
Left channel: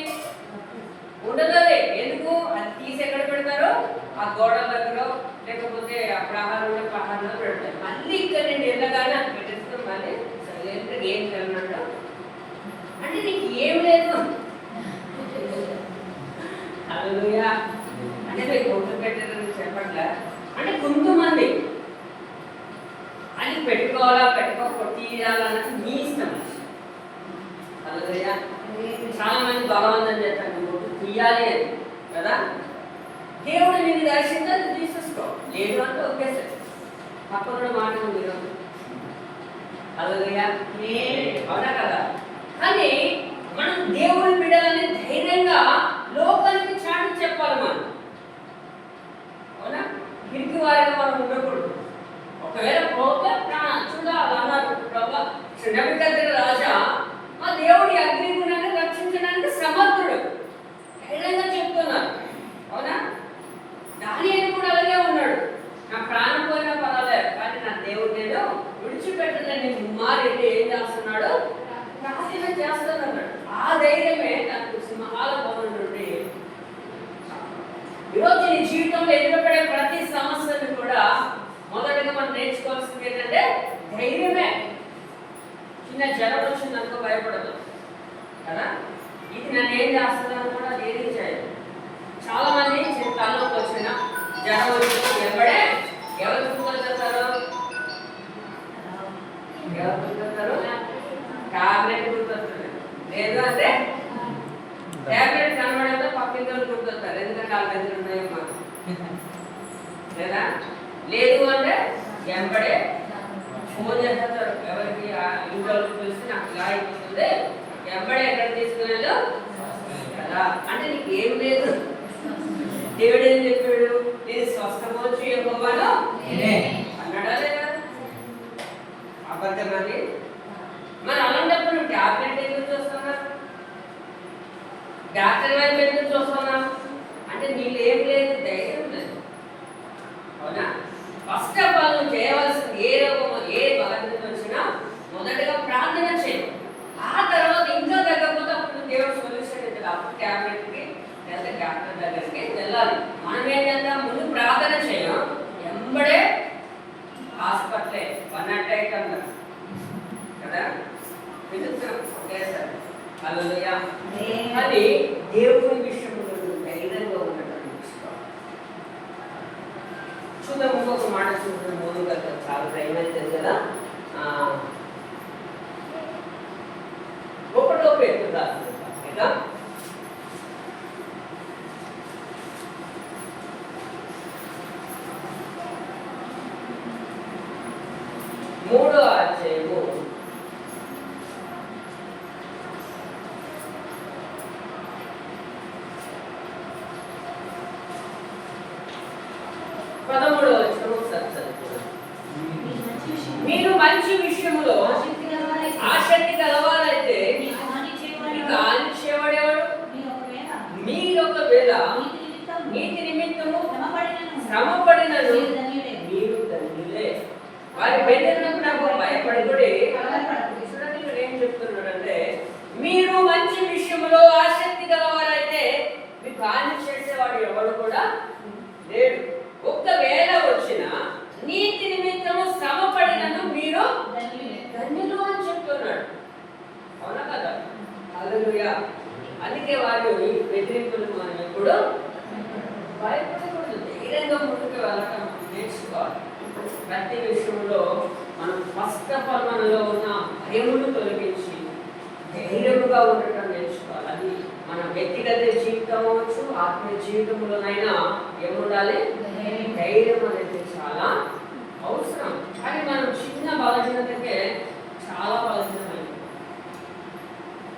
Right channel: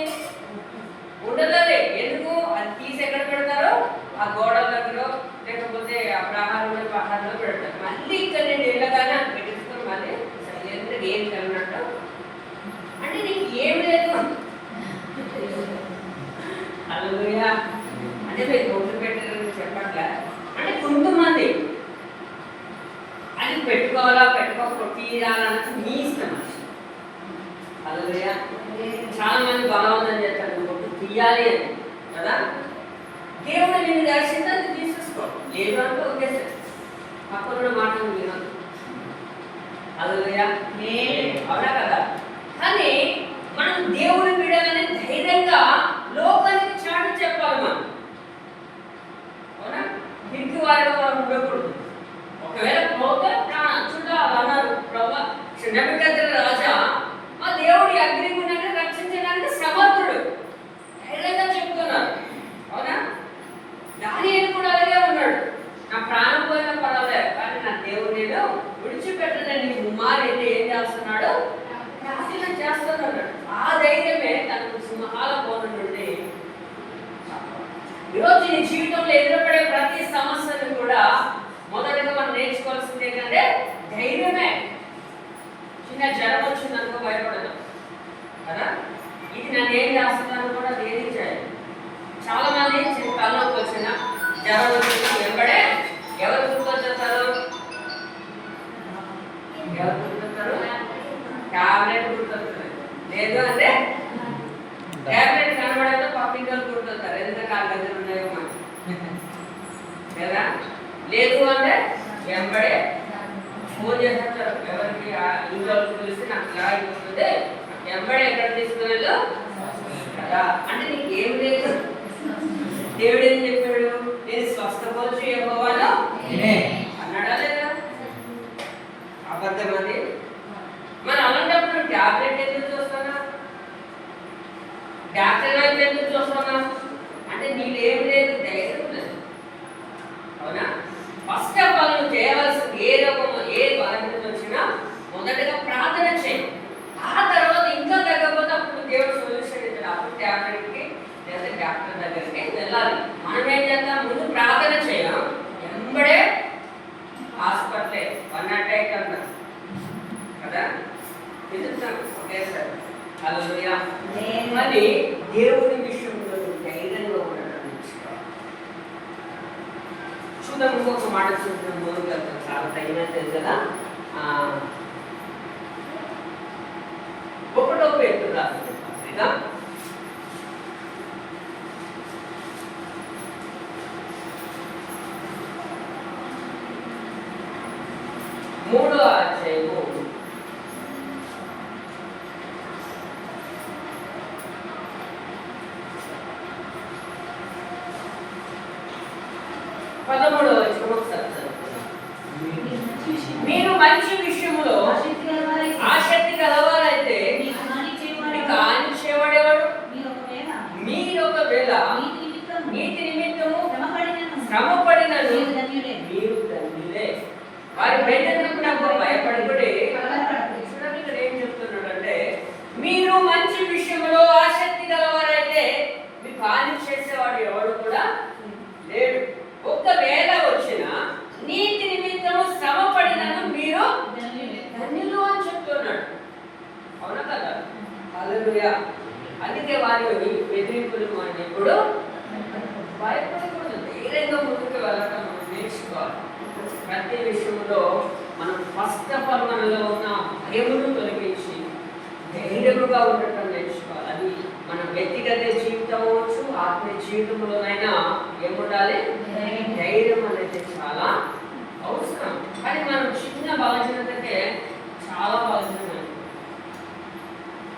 ఉండదు. ఎందుకు? అది తీసి ఎక్కడ పెడతారో? ఆ గోడల దగ్గర, లేకపోతే ఆ ప్రహారంలో పెడతారు. మళ్ళీ ఇక్కడ నేను వెళ్ళగానే అది పెట్టేసుకొని మళ్ళీ సైలెంట్గా ఏం కలనట్టు. అంటే నీకు ఏం లేదు. హల్లెలూయా. అంటే మీరు బొట్లు పెట్టారని చెప్పట్లే. అంటే కొంతమంది అది పెట్టుకోవాలా పెట్టుకోకపోతే తీయాలన్నది మీ ఇష్టం. హల్లెలూయా. చాలా మంది బలవంతం చేస్తారు బొట్టు తీయాలి అని కదా. దేవుడు నేను దర్శించి తీసేసుకో, లేదు అంటే ఒకేసారి పక్కన మాటలు వినదు. హల్లెలూయా. అవునా కదా. కానీ మనం దేవుని బిడ్డలని ధైర్యంగా లోకానికి చాటి చెప్పాలి. మనం అవునా? పిరికి వారిగా మనం ఉండకూడదు. ఒకవేళ పోతే చూడాలి అన్నారు ప్రభా. నెబుకద్నెజరు రాజా మా దేవుడి అగ్నిగుండాన్ని రక్షించడానికి సమర్థుడు, ధైర్యంగా చెప్తున్నారు. అవునా? దానియేలు కూడా అలాగే ఉన్నాడు. నా ప్రాణం పోయినా పర్వాలేదు, కానీ నా దేవుడు నేను విడిచిపెట్టదని ముమ్మారైతే ఏం చేస్తున్నాడు? ప్రార్థన చేస్తున్నాడు. ఆ ధైర్యమే తనకు సింహాల భవనం నుండి. ఈరోజు నీ జీవితంలో ఎదురుపడే ప్రతి సమస్యను కూడా మొదటిగా మనం నేర్చుకోవాల్సింది ఏంటంటే ధైర్యమే. చిన్న జ్వరం వచ్చిందనుకో భయపడదు కదా. ఇది నన్ను ఏం చేస్తుందని కూడా దేనికి చేయాలి. చాలా మంది చిన్న తలనొప్పి వచ్చినా, జ్వరం వచ్చినా వెంబడే ఎవరు గుర్తొచ్చేస్తారు? టాబ్లెట్ గుర్తొస్తుంది. లేదు అంటే టాబ్లెట్ కనబడతో పక్కింటి గుర్తొస్తారు. ఎందుకంటే కాళ్ళ దగ్గర ఉన్నాయో మాకు లేదా. లేదు అంటే వెంబడే ఫోన్ చేస్తారు. ఎవరికి ఇంట్లో తెలిసి నాకు ఇలా అయిపోతుంది, వెంబడే ఎక్కడ తీసుకున్నాడు కదా. అంటే నీకు ఏం లేదు. దేవుడు ఏం చెప్పాడు? నేను స్వస్థపరచు యెహోవాను అన్నాడా లేదా? అబద్ధం అది. మరి అలాంటప్పుడు టాబ్లెట్ ఎందుకు చూస్తున్నా? డాక్టర్ వైపు ఎందుకు చూస్తున్నా? అంటే నీళ్ళు ఏం లేదు, ధైర్యం లేదు. అవునా? ఫస్ట్ ఆఫ్ ఆల్ నువ్వు చేయవలసింది ఏ రోగమో ఏ బాధ్యత వచ్చినా మొదటిగా ప్రార్థన చేయి. ఆ తర్వాత ఇంకా తగ్గకపోతే అప్పుడు దేవుడు సొల్యూషన్ ఇస్తాడు. అప్పుడు టాబ్లెట్కి లేదా డాక్టర్ దగ్గరికి వెళ్ళాలి. మనం ఏం చేద్దాం, ముందు ప్రార్థన చేయం, ఎంబడే హాస్పిటలే 108 అన్నారు కదా, పిలుస్తాం ఒకేసారి. హల్లెలూయా. అది దేవుని విషయంలో ధైర్యంగా ఉండటం నేర్చుకోవాలి. చూద్దాం, ఇంకొక మాట చూద్దాం. ముందుగా చాలా టైం అవుతుంది కదా. 1వ పేతురు రాసిన పత్రిక 3వ అధ్యాయము 13వ వచనం ఒకసారి చదువుకుందాం. మీరు మంచి విషయములో ఆసక్తి గలవారైతే మీకు హాని చేయవాడేవాడు? మీరు ఒకవేళ నీతి నిమిత్తము శ్రమపడినను మీరు ధన్యులే. వారి బెదిరింపు నాకు భయపడకూడే. చూడండి, ఇక్కడ ఏం చెప్తున్నాడంటే, మీరు మంచి విషయంలో ఆసక్తి గలవారైతే మీకు హాని చేసేవాడు ఎవడు కూడా లేడు. ఒక్కవేళ వచ్చిన నీతి నిమిత్తము శ్రమ పడినను మీరు ధన్యులు అని చెప్తున్నాడు. అవునా కదా? హల్లెలూయా. అందుకే వారి బెదిరింపులకు మనం ఎప్పుడు భయపడకూడదు, ధైర్యంగా ముందుకు వెళ్ళటం మనం నేర్చుకోవాలి. ప్రతి విషయంలో మనం ఫస్ట్ ఆఫ్ ఆల్ మనలో ఉన్న భయమును తొలగించి ధైర్యముగా ఉండటం నేర్చుకోవాలి. అది మన వ్యక్తిగత జీవితం అవ్వచ్చు, ఆత్మీయ జీవితంలోనైనా ఏముండాలి? ధైర్యం అనేది చాలా అవసరం. కానీ మనం చిన్న బలహీనతకే చాలా బలహీనమైంది.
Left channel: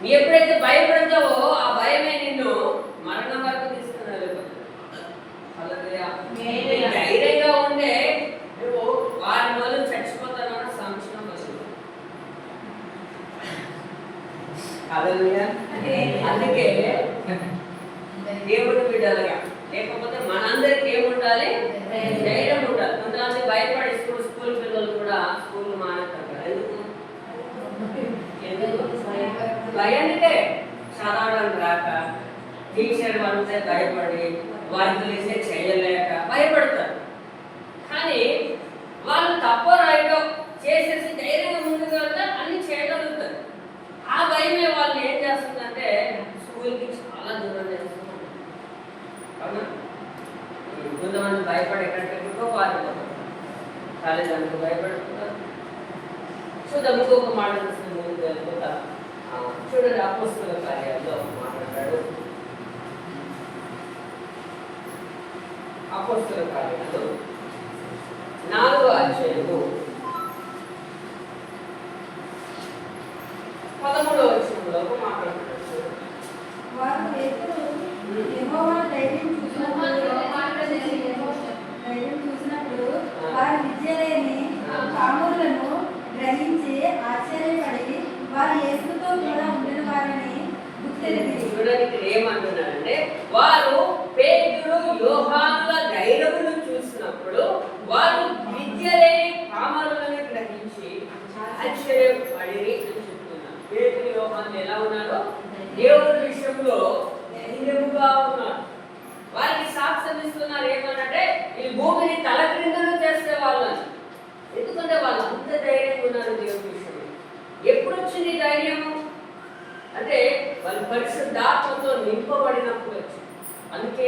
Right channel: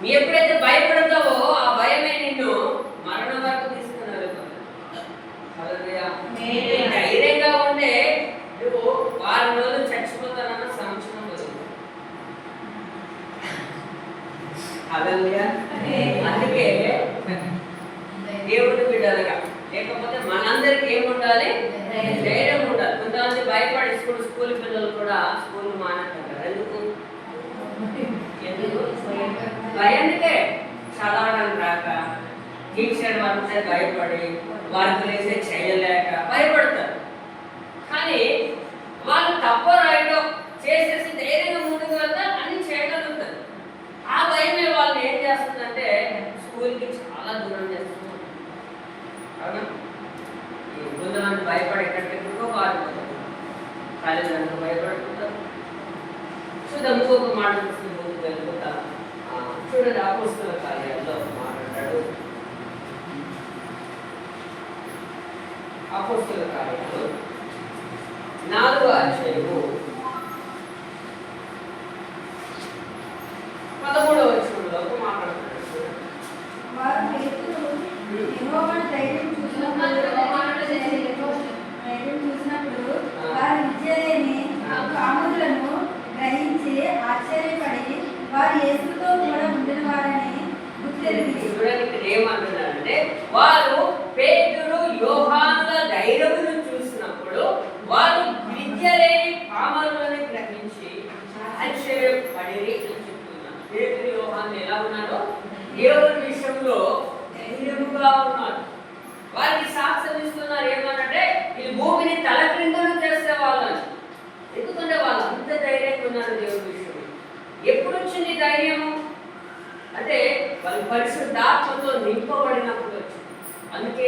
నీ ఎప్పుడైతే భయపడతావో ఆ భయమే నిన్ను మరణం వరకు తీసుకుని వెళ్ళిపోతుంది. ధైర్యంగా ఉండే నువ్వు 6 రోజులు చచ్చిపోతానన్న సంవత్సరం వస్తుంది. హల్లెలూయా. అందుకే దేవుని బిడ్డలుగా, లేకపోతే మనందరికి ఏముండాలి? ధైర్యం ఉండాలి. కొంతమంది భయపడి స్కూల్ పిల్లలు కూడా స్కూల్ మానకుంటారు. ఎందుకు? భయానికే, చదవడానికి రాక, టీచర్ వాళ్ళే భయపడి, వర్క్ వేసే చేయలేక భయపడతారు. కానీ వాళ్ళు తప్పో రైటో చేసేసి ధైర్యంగా ముందుకు వెళ్తా అన్ని చేయగలుగుతారు. ఆ భయమే వాళ్ళని ఏం చేస్తుందంటే స్కూల్కి చాలా దూరం చేస్తున్నారు. అవునా? కొంతమంది భయపడి ఎక్కడికెక్కడికో పారిపోతారు, తల్లిదండ్రులు భయపడుతుంటారు. చూద్దాం, ఇంకొక మాట చూస్తే ముందుకు వెళ్ళిపోతా. చూడండి, అపోస్తలుల కార్యాల్లో మాట్లాడాడు. అపోస్తలుల కార్యాలు 4వ అధ్యాయము 13వ వచనంలో మాట్లాడుతున్నాడు. వారు పేతురు యెహోవాను ధైర్యం చూసినప్పుడు వారి విద్యలేని కాములను గ్రహించి ఆశ్చర్యపడి వారు యేసుతో కూడా ఉండిన వారని గుర్తెరిగి. చూడండి, ఇక్కడ ఏమంటున్నారంటే, వారు పేతురు యోహానుల ధైర్యమును చూసినప్పుడు వారు విద్య లేని కామరులను గ్రహించి ఆశ్చర్యపడి అని చెప్తున్నారు. పేతురు యోహానులు ఎలా ఉన్నారు? దేవుని విషయంలో ధైర్యముగా ఉన్నారు. వారికి సాక్ష్యం ఇస్తున్నారు. ఏమనంటే, ఈ భూమిని తలక్రిందులు చేసే వాళ్ళని. ఎందుకంటే వాళ్ళు అంత ధైర్యంగా ఉన్నారు దేవుని విషయంలో. ఎప్పుడు వచ్చింది ధైర్యము అంటే వాళ్ళు పరిశుద్ధాత్మతో నింపబడినప్పుడు వచ్చింది. అందుకే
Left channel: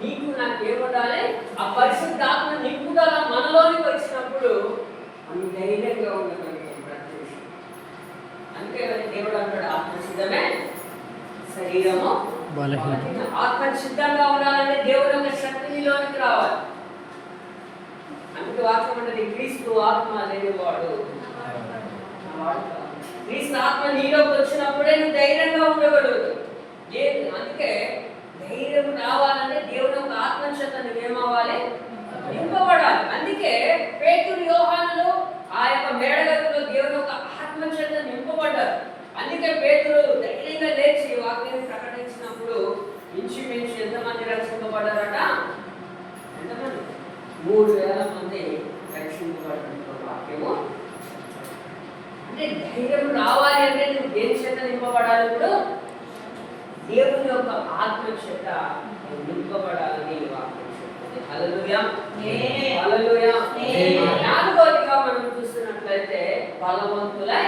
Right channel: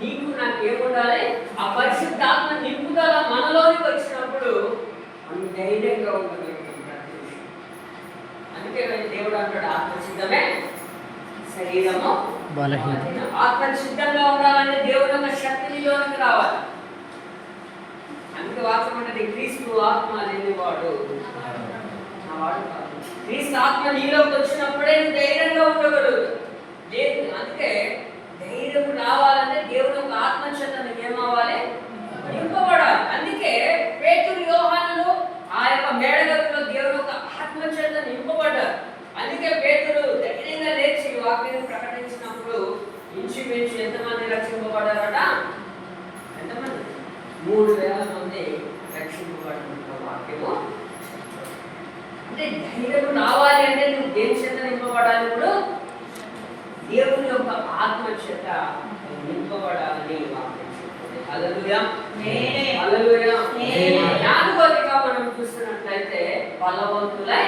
నీకు నాకు ఏముండాలి? ఆ పరిశుద్ధాత్మ నింపుదల మనలోనికి వచ్చినప్పుడు మనం ధైర్యంగా ఉండగలుగుతాం ప్రతి విషయం. అందుకే దేవుడు అంటాడు, ఆత్మసిద్ధమే శరీరము బలహీన. ఆత్మ సిద్ధంగా ఉండాలంటే దేవుడు యొక్క శక్తి నీలోనికి రావాలి. అందుకే వాక్యం అంటే క్రీస్తు ఆత్మ లేనివాడు క్రీస్తు ఆత్మ నీలోకి వచ్చినప్పుడే నువ్వు ధైర్యంగా ఉండగలదు. అందుకే ధైర్యం రావాలంటే దేవుని యొక్క ఆత్మ చేత నువ్వేమవ్వాలి? నింపబడాలి. అందుకే పేతురు యోహానులు ఆ యొక్క మేడగదిలో దేవుని యొక్క ఆత్మ చేత నింపబడ్డారు. అందుకే పేతురు ధైర్యంగా లేచి వాక్యాన్ని ప్రకటించినప్పుడు ఇంచుమించు ఎంతమంది రక్షింపబడ్డారట? ఎంతమంది? 3000 మంది రక్షింపబడిన వాక్యము. అంటే ధైర్యం రావాలి అంటే నువ్వు దేని చేత నింపబడాలి? ఇప్పుడు దేవుని యొక్క ఆత్మ చేత నింపబడాలని వాక్యం చెప్తుంది. హల్లెలూయా, హల్లెలూయా. నాలుగోదిగా మనం చూస్తున్నట్లయితే బలవంతులై,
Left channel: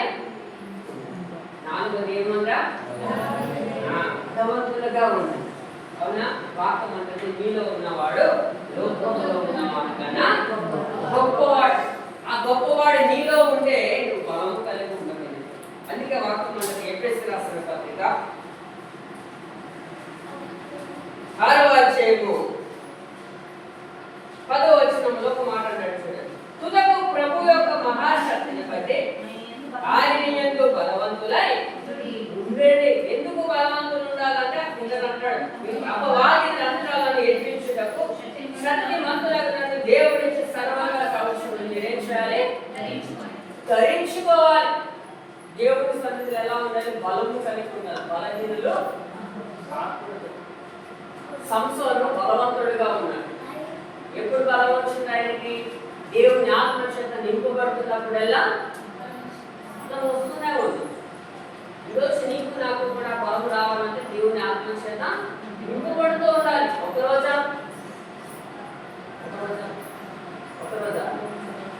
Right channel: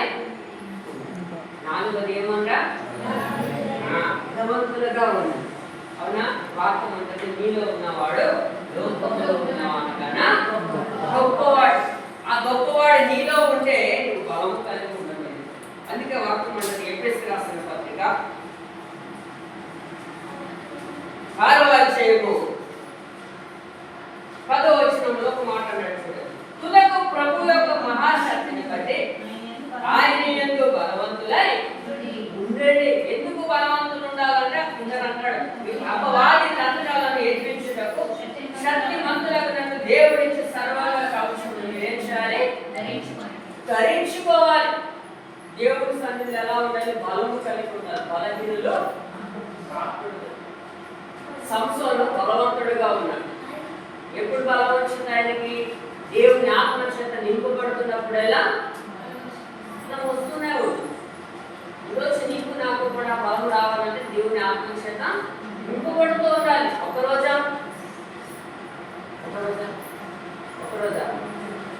నాలుగోది ఏమన్నా బలవంతులుగా ఉన్నారు. అవునా? వాక్యం అంటే మీలో ఉన్నవాడు లోకంలో ఉన్నవాడు కన్నా గొప్పవాడు. ఆ గొప్పవాడు నీలో ఉంటే నువ్వు బలం కలిగి ఉండదు. అందుకే వాక్యం మనకి ఎఫెసీయులకు రాసిన పత్రిక 6వ అధ్యాయము 10వ వచనంలో ఒక మాట అన్నాడు చూడండి. తుదకు ప్రభు యొక్క మహాశక్తిని బట్టి ఆయన యందు బలవంతులై ఉండండి. ఎందుకు బలవంతులు ఉండాలంటే అంటాడు, అపవాది తంత్రాలను ఎదిరించుటకు శక్తిమంతులకు దేవుడిచ్చి సర్వాల కవచములు ఏం చేయాలి? ధరించుకోవాలి. దేవుడి సన్నిధిలో ఎలా ఉండాలి? బలము కలిగి ఉండాలి. బలహీనులు సంసోను బలవంతుడిగా ఉన్నాడు. ఎప్పుడు బలం వచ్చింది ఆయనకి? దేవుని ఆత్మ చేత నింపబడుతున్నప్పుడెలా వస్తున్నాయి. ఈరోజు నీకు నాకు కూడా బలం రావాలంటే దేవుని ఆత్మ చేత నింపబడుతూ ఉండాలి. ఒకరోజా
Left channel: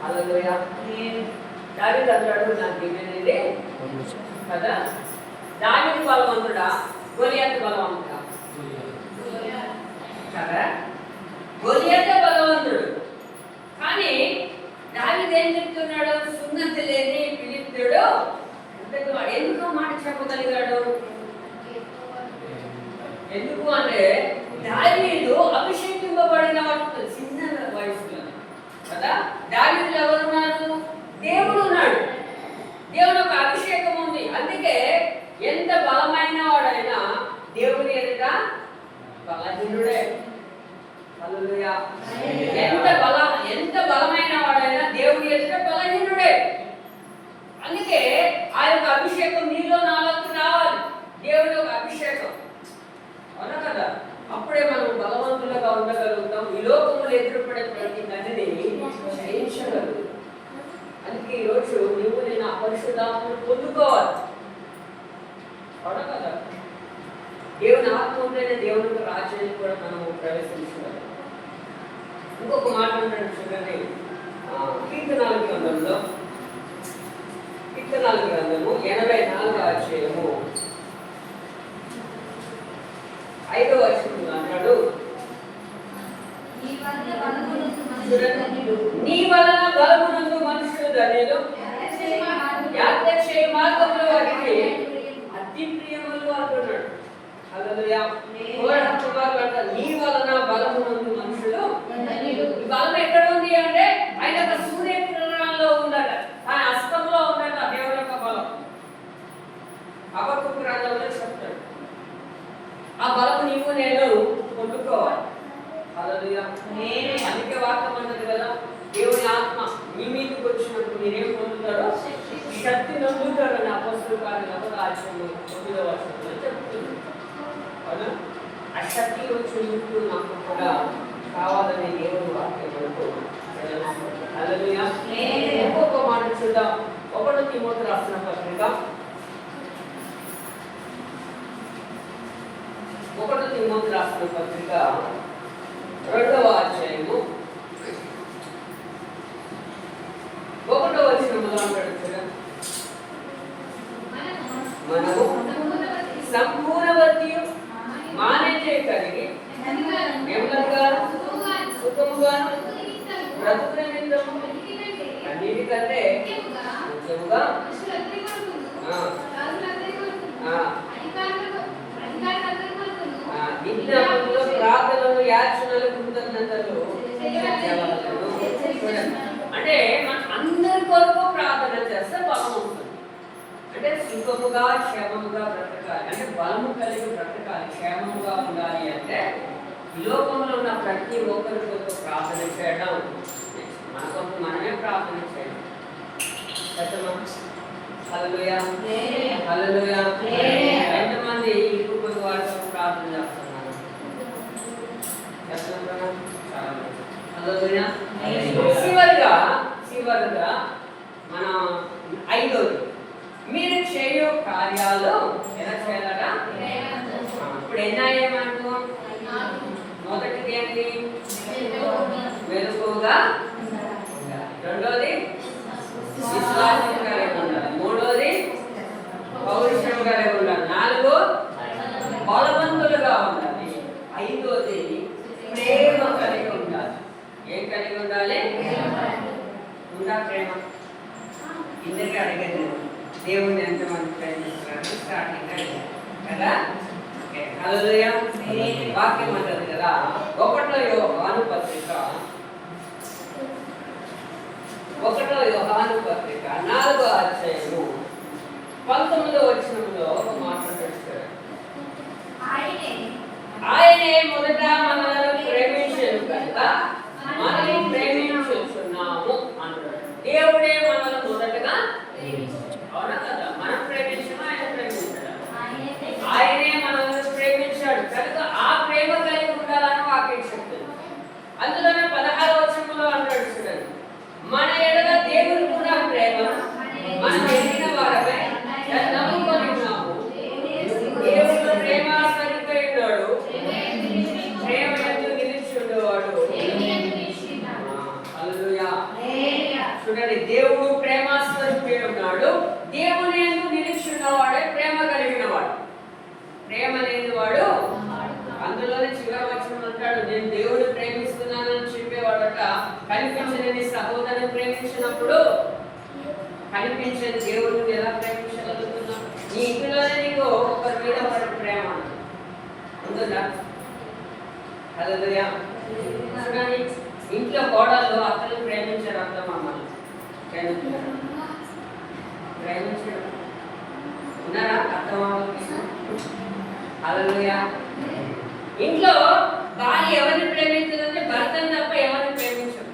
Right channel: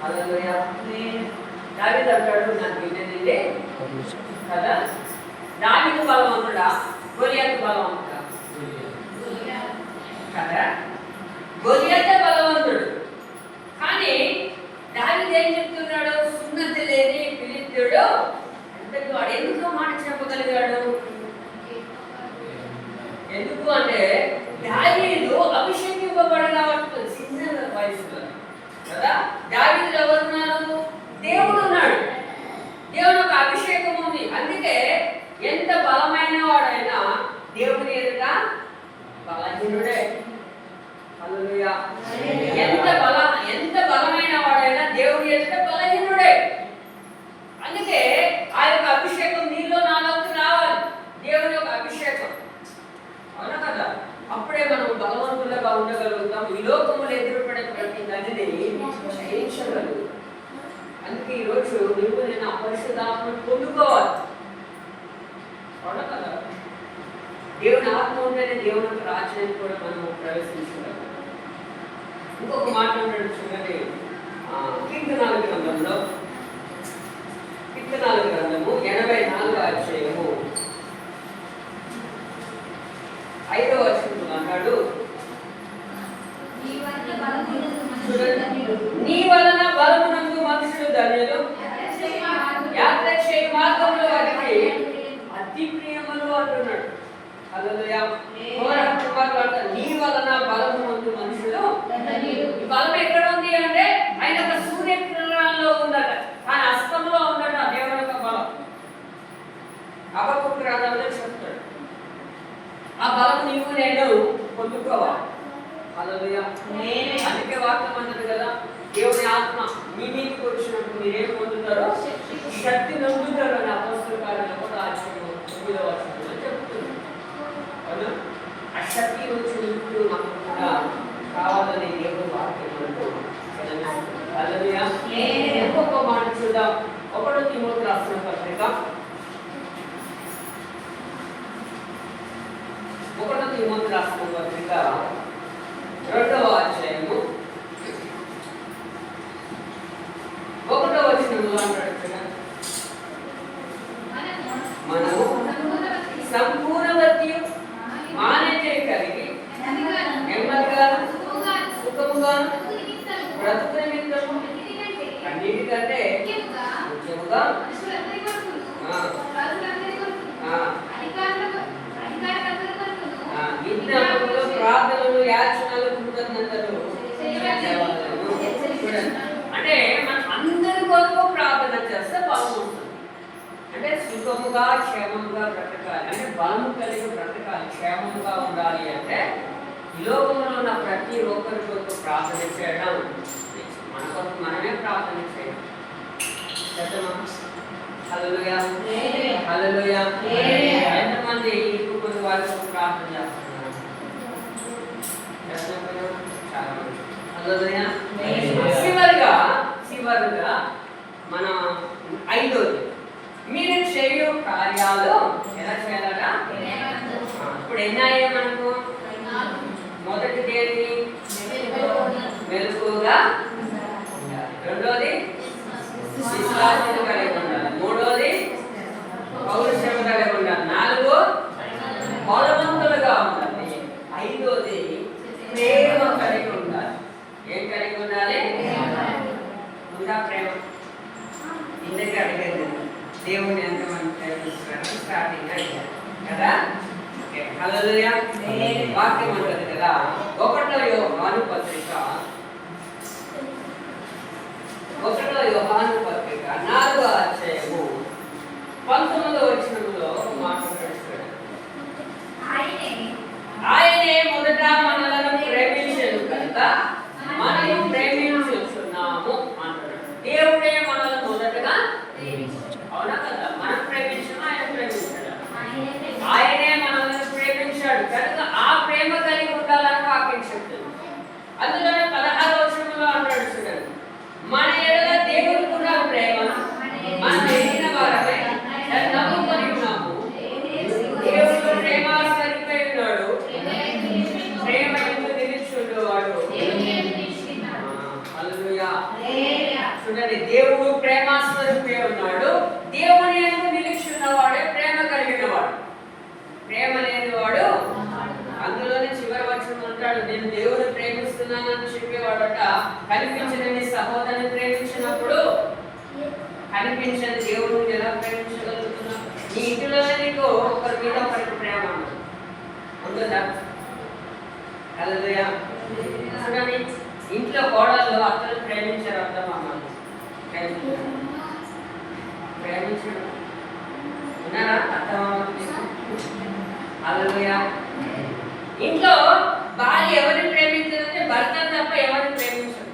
హల్లెలూయా. దావీదు అంటాడు, నాకు వినేది కదా. దావీదు బలవంతుడా, గొలియాతు బలవంతుడా? కదా, గొలియాతే బలవంతుడు. కానీ దావీదు ఏం చెప్తున్నాడు? సున్నతి లేని ఫిలిష్తీయుడు వాడు ఎందుకు మాట చెప్పగలిగాడు? ఎందుకు అంటే దావీదు అభిషేకింపబడిన చిన్న వయసులో కదా. దావీదులో ఎవరున్నారు? దేవుడు ఉన్నాడు. దేవుడు ఒక అభిషేకం ఉంది. అందుకే ఎంత బలమైన వాడైనా దేవుని ఎదుట బలహీనుడే. హల్లెలూయా. ఎంత బలమైన వాడైనా దేవుని ఎదుట బలహీనుడే. అందుకే ఆ యొక్క అభిషేకం నీలో నాలోకి రావాలి. దేవుని యొక్క అభిషేకం, అవునా కదా? అప్పుడే మనం బలవంతులుగా ఉండగలుగుతాం. ఈ లోకములు ఎదురుపడే ప్రతి నదిని జయించగలుగుతాం. అందుకే ఈరోజు నువ్వు నేను ఆ పరిశుద్ధాత్మను పొందుకోవాలి, అవునా కదా? దేవుని ఆత్మ ఉంటేనే దేవుని రాజ్యాన్ని కూడా మనం ప్రవేశించగలం. ఇంకొక మాట చూడండి, కీర్తనాల గ్రంథంలో 84వ అధ్యాయము 5వ వచనం అన్నాడు, నీ వలన బలమునందు మనుషులు ధన్యులు, యాత్రక్షేమ మార్గములు వారికి అతి ప్రియములు అంటున్నాడు. హల్లెలూయా. నీ వలన బలమునందు మనుషులు. ఈ బలం ఎక్కడ ఉంది అంటే ఆయన యొక్క సూర్యకిరణాల్లో ఉందట, ఆయన హస్తంలో ఉందట దేవుని యొక్క బలం. హబక్కూకు గ్రంథంలో చెప్తాడు. ఆ బలం నీవు నేను పొందుకోవాలి. హల్లెలూయా. అందుకే వాక్యం అంటది కదా, దేవుని ఆత్మ మీ మీదకి వచ్చినప్పుడు మీరేం పొందుతారో శక్తి పొందుతారు అని అపోస్తలుల కార్యాలు 1వ అధ్యాయము 9వ వచనంలో చెప్తుంది. అవునా? ఆ శక్తి వచ్చినప్పుడు నాకు కూడా కావాలని దేవుని వాక్యం మనకు సెలవిస్తుంది. హల్లెలూయా. ఇంకొక మాట చూద్దాం. 1 తిమోతి రాసిన పత్రిక 2వ అధ్యాయము 1వ వచనంలో అంటాడు, మనము సంపూర్ణవతియు మాన్యత కలిగి నెమ్మదిగా సుఖముగా బ్రతుకు నిమిత్తము అన్నిటికంటే ముఖ్యముగా విజ్ఞాపనలు, ప్రార్థనలు, యాచనలు, కృతజ్ఞతలు. అంటే మన అందరి కొరకు ప్రార్థన చేస్తే బలం ఉంటుంది. అంటే సుఖముగా క్షేమముగా బ్రతకాలి అంటే బలము కలిగి బ్రతకాలి, క్షేమముగా ఉండాలి అంటే ఈ లోకంలో ఉన్న ప్రతి ఒక్కరి కొరకు ప్రార్థన చేయడం, మన కొరకు మనమే ప్రార్థన చేయడం. హల్లెలూయా, హల్లెలూయా. ఎంతమంది ఇప్పుడు కొన్ని వారి కొరకు ప్రార్థన చేస్తున్నారు? చాలా మంది. హల్లెలూయా. చివరిగా మనం 5వది, మీరు చేయు కార్యాలు ఎలా చేయాలట? ఇప్పుడు ఎన్నాయే మనకు? మొదటిది ఏంటి? మెలకువగా ఉండాలి. రెండోది విశ్వాసం కలిగి ఉండాలి. మూడోది పౌరుషం కలిగి ఉండాలి. నాలుగు బలవంతులుగా ఉండాలి. ఐదోది ప్రేమ కలిగి ఉండాలి. ఏం కలిగి ఉండాలి? ఉందా ప్రేమ? ఇందుకే అడిగేది దేవుని ఎంతమంది ప్రేమిస్తున్నారని స్టార్టింగ్ అడిగారు కదా. హల్లెలూయా. వాక్యం అంటది కదా, 1 యోహాను పత్రిక 4వ అధ్యాయము 19వ వచనంలో ఒక మాట రాశాడు. ఆయనే మొదట మనలను ప్రేమించెను కనుక మనము ప్రేమించుచున్నాము అంటాడు. దేవుడే మనల్ని మొదటగా అవునా కదా? మనం ప్రేమించము, ఆయన ప్రేమించాడు. ఆయనే మనల్ని ప్రేమించాడు కనుక ఆ ప్రేమ కలిగి ఉండాలని వాక్యం చెప్తుంది. అందులోనే 16వ వచనంలో అంటాడు చూడండి, మన ఎడల దేవునికి ఉన్న ప్రేమ మనం ఎరిగిన వారమై నమ్ముకొని ఉన్నాము. దేవుడు ప్రేమ స్వరూపై ఉన్నాడు, ప్రేమ ఎందుకు నిలిచుండేవాడు. హల్లెలూయా. చూడండి, దేవుడు ప్రేమ స్వరూపై ఉన్నాడు, దేవుని ఎందుకు నిలిచున్నవాడే ప్రేమ కలిగిన వాడు. ప్రేమ లేని వాడు అందులోనే చివరి వచనం అంటాడు, నేను దేవుని ప్రేమిస్తున్నానని చెప్పేవాడట కనిపించని నీ సహోదరుని ప్రేమించినప్పుడు కనిపించని దేవుడిని ఎలా ప్రేమించగలుగుతున్నావు? నీ ఇంటిలోనే నీకు ఒకరి మీద ఒకరికి ప్రేమ ఉందా? హల్లెలూయా. చూడండి, ఇంట్లో కోడళ్ళు అత్తలు ప్రేమించారు, అత్తమామలు ప్రేమించడం ఉన్నారా? అత్తమామలకి హల్లెలూయా. ఇంట్లో భార్య ఎవరిని ప్రేమించదంటే భర్తను తప్ప ఎవరిని ప్రేమించదు.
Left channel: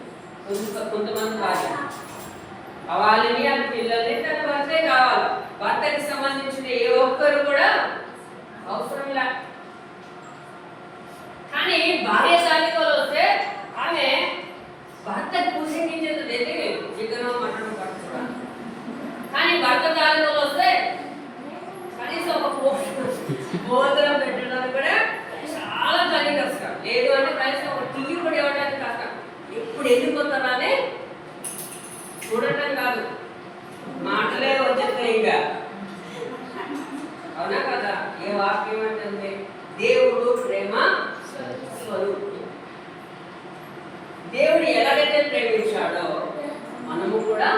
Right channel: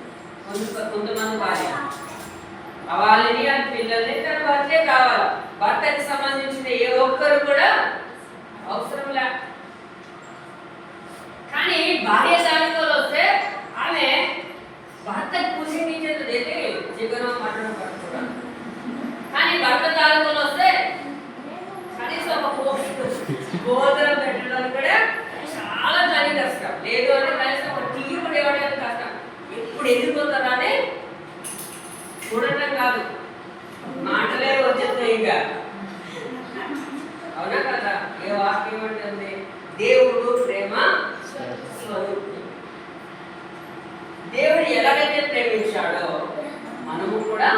కొంతమంది భార్య వాళ్ళని అని పిల్లల్ని తన భర్తే కావాలి. భర్తకి సంబంధించిన ఏ ఒక్కరు కూడా అవసరం లే. కానీ భార్య తాలూకాలు వస్తే ఆమె భర్తకు పూజించేది వెళ్ళి చికెనం మటన్ పట్టుకోవడం. కానీ భర్త తాలూకాలు వస్తే కనీసం ఒక భోజనం పెట్టడానికి కూడా చాలా తల్లి కష్టం. లేదు అంటే కనీసం ఒక టీ కూడా ఇవ్వడానికి కష్టం. ఎప్పుడు ఎదిగిపోతారని చూడటం కాదు, మాటలే వచ్చేస్తాయి. ఇంకా అవునా కదా? ఏ వాక్యం ఉంటుంది? దేవుడు ప్రేమ స్వరూపుడు. దేవుడు ఎలాగైతే ప్రేమించాడో మనము కూడా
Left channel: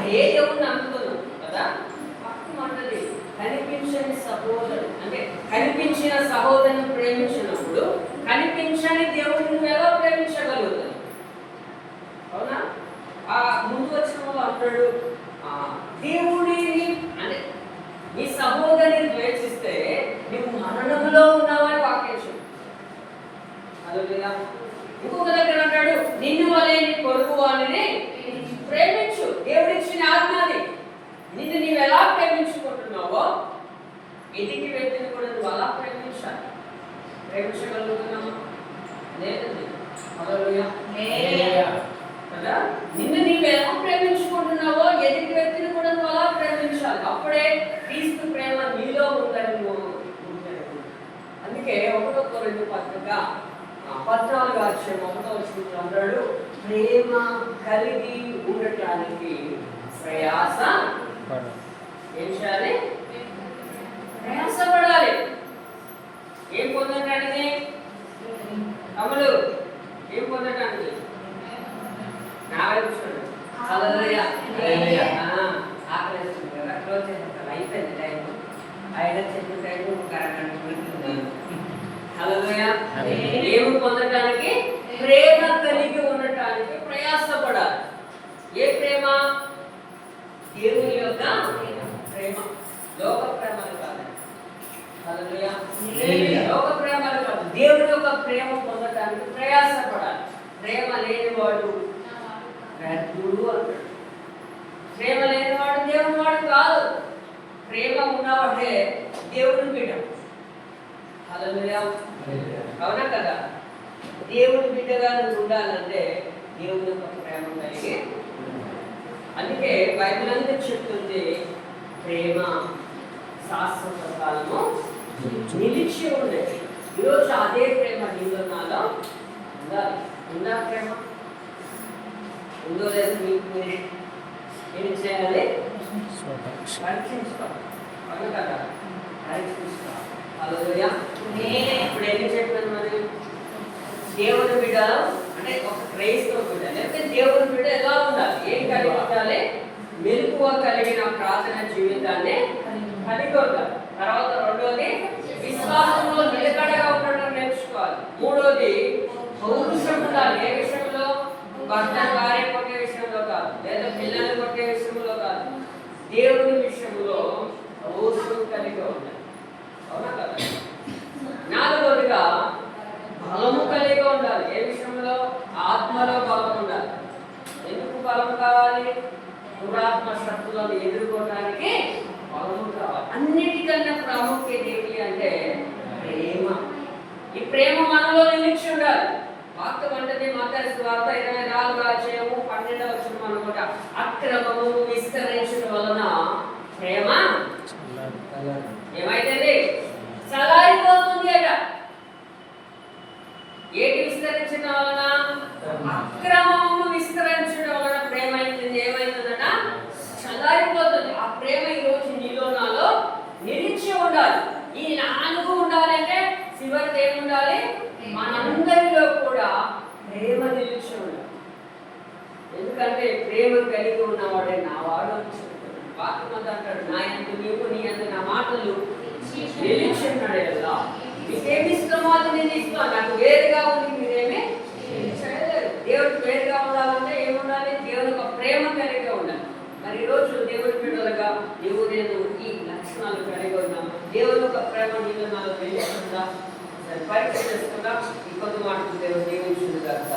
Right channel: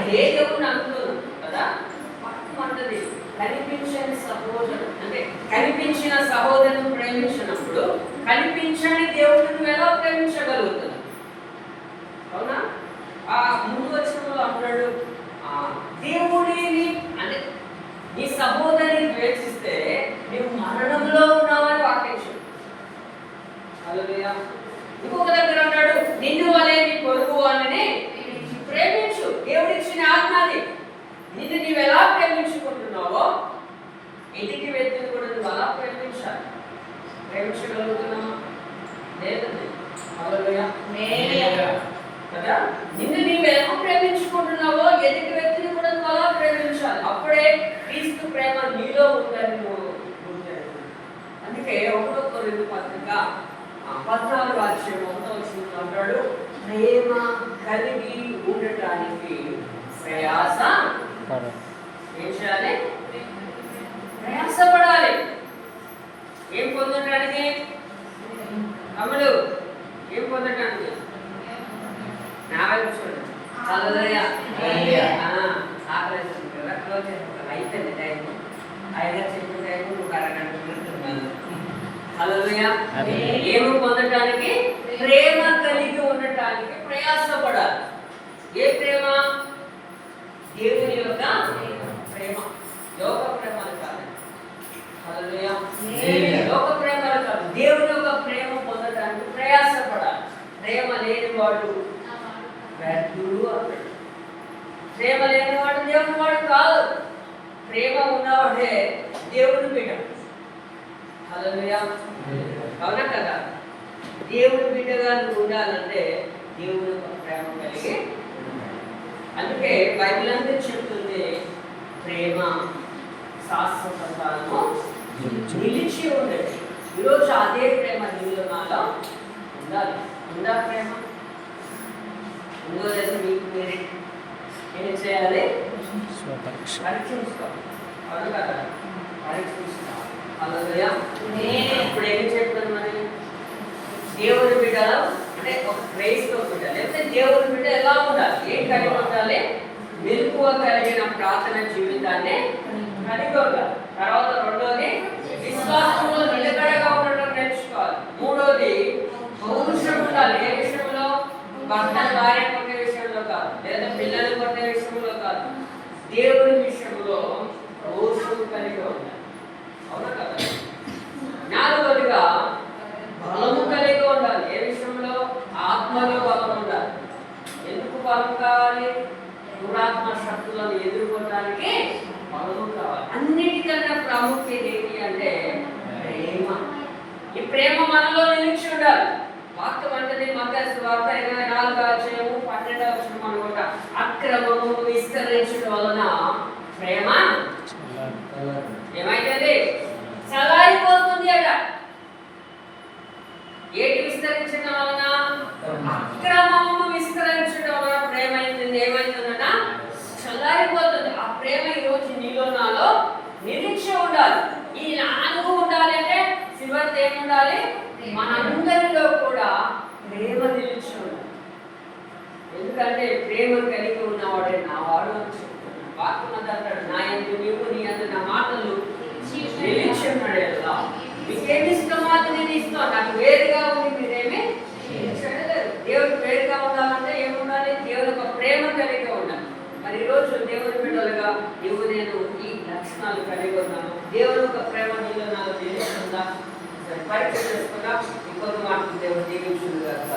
అదే దేవుడిని అనుకున్నాం కదా. అంటది కనిపించని సహోదరు అంటే కనిపించిన సహోదరుని ప్రేమించినప్పుడు కనిపించని దేవుడిని ఎలా ప్రేమించగలుగుతాం? అవునా? ఆ ముందు వచ్చిన వాళ్ళు అంటాడు, దేవుడిని అంటే నీ సహోదరిని ద్వేషిస్తే నువ్వు మరణంలో ఉన్నావని వాక్యం. హల్లెలూయా. ఇంకొక దగ్గర అంటాడు, నిన్ను వలె నీ పొరుగు అని ప్రేమించు. దేవుడిచ్చిన ఆత్మని నిన్ను నీవు ఎలా ప్రేమించుకుంటున్నావో ఎదుటి వ్యక్తిని కూడా నువ్వు అలా ప్రేమించాలి. ప్రేమించగలుగుతున్నామా? లేదండి. హల్లెలూయా కదా. నిన్ను నీవు ఎలా ప్రేమించుకుంటున్నావో ఎదుటి వ్యక్తిని కూడా నువ్వు అలా ప్రేమించాలి. అప్పుడే క్రీస్తు ప్రేమ నీలో ఉందని నువ్వు గుర్తించాలి. అందుకే 1 కొరింథీ పత్రిక 14వ అధ్యాయం 1వ వచనంలో అంటాడు, ప్రేమ కలిగి ఉండటానికి ప్రయాస ఏం చేయాలి? ప్రయాసపడాలి. ఏం పొందటానికి? అమలు ఏం పొందటానికి? నా వైపు చూడండి. హల్లెలూయా. ఆపరేషన్ కదా, క్లోజ్ చేస్తారు. అయిపోయింది టైం. 5 చెప్పిన టైం ఒక అరగంట పెడుతున్నాను. హల్లెలూయా. ఏమి పొందటానికి? ప్రేమ కలిగి ఉండటానికి ప్రయాసపడాలి. ఏ ప్రేమ? దేవుని యొక్క ప్రేమ, లోక ప్రేమలు కాదు. హల్లెలూయా. లోక ప్రేమలు కాదు, దేవుని యొక్క ప్రేమ పొందడానికి ప్రయాసపడాలి. ప్రేమ లేనివాడు వ్యర్థుడు అన్నాడు. ప్రేమ లేనివాడు దేవుని వాడు కాదు. ప్రేమ ఉన్నవాడే దేవుని బిడ్డ. హల్లెలూయా. అవునా కదా? దేవుని బిడ్డగా నువ్వు ఉండాలంటే దేవుని యొక్క ప్రేమ కలిగి. అందుకే బైబిల్ అంతా చెప్తుంది, ప్రేమ శాశ్వత కాలము నిలిచి ఉండేది. ఈరోజు అదే ప్రేమ నీలో నాలో ఉండాలి. ఉందా ప్రేమ? ఉందో లేదు మీకు మీరే ఏం చేయాలి? పరీక్షించుకోవాలి. అవును కదా? పరీక్షించుకోవాలి. హల్లెలూయా. నేను ఇప్పుడు ఏం చెప్పాను? మరి దేవుని బిడ్డ అంటే ఒక క్రైస్తవ బిడ్డ లేకపోతే దేవుని బిడ్డ ఎలా ఉండాలి? ఏం కలిగి ఉండాలి? మెలకువ కలిగిన ప్రార్థన జీవితాన్ని కలిగి ఉండాలి. తర్వాత రెండోది విశ్వాసంలో నిలకడగా ఉండడం నేర్చుకోవాలి. మూడోది పౌరుషం ఉండాలి. ఏ విషయంలో? భర్త భార్య కొట్టే విషయంలో కాదు, లేదా పిల్లలు కొట్టే విషయంలో కాదు, దేవుని విషయంలో పౌరుషం కలిగి ఉండాలి. అవునా కదా? నాలుగోదిగా బలము కలిగి ఉండాలి. ఏ విషయంలో? ఆత్మలో బలం ఉండాలి. ఎందుకు బలం కావాలి? పురాత్మ శక్తులను ఎదుర్కోవడానికి బలము కావాలి. అన్నిటికన్నా ప్రాముఖ్యత ఏంటి అంటే ప్రేమ. ఈ ప్రేమ మనలో నిలిచి ఉండాలి. వాక్యం అంటేనే మత్తయి సువార్త 24:12 అనుకుంటా, అక్రమము విస్తరించడం వలన ప్రేమ ఏమైతుంది? చల్లారిపోతుంది అట. ఏంటి విస్తరించడం వలన? అక్రమము విస్తరించడం వలన ప్రేమ ఏమైతుందట? చల్లారిపోతుంది. ఆ ప్రేమ ఈరోజు నీలో నాలో నిలిచి ఉండాలి. ఈ 4 ఉండాలి అంటే చివరిది ఏముండాలి? మనందరిలో కూడా ప్రేమ నిలిచి ఉండాలి. ఎందుకంటే ప్రేమ కలిగి ఉన్నవాడే నా వాడు అని చెప్తున్నాడు. వాక్యం అంటాడు, నా యందు నీవు, నీ యందు నా మాటలు నిలిచి ఉన్నాడు. ఎలా మీకేమి ఇష్టమో అది నేను ఇస్తాను. నాకు వేరుగా ఉంది మీరేమి చేయలేదు. దేవుడికి వేరుగా ఉండాలంటే ఏముండాలి? దేవుని యొక్క ప్రేమ కలిగి ఉండాలి. మరి ఈరోజు దేవుడి బిడ్డలుగా నీవు నేను ఈ లక్షణాలు కలిగి ఉన్నాము. దేవుని యొక్క ప్రేమ నీలో నాలో తెలియకుండా పరీక్ష చేసుకున్నా ఇంకొక మాట దేవుడు దీవించును గాక.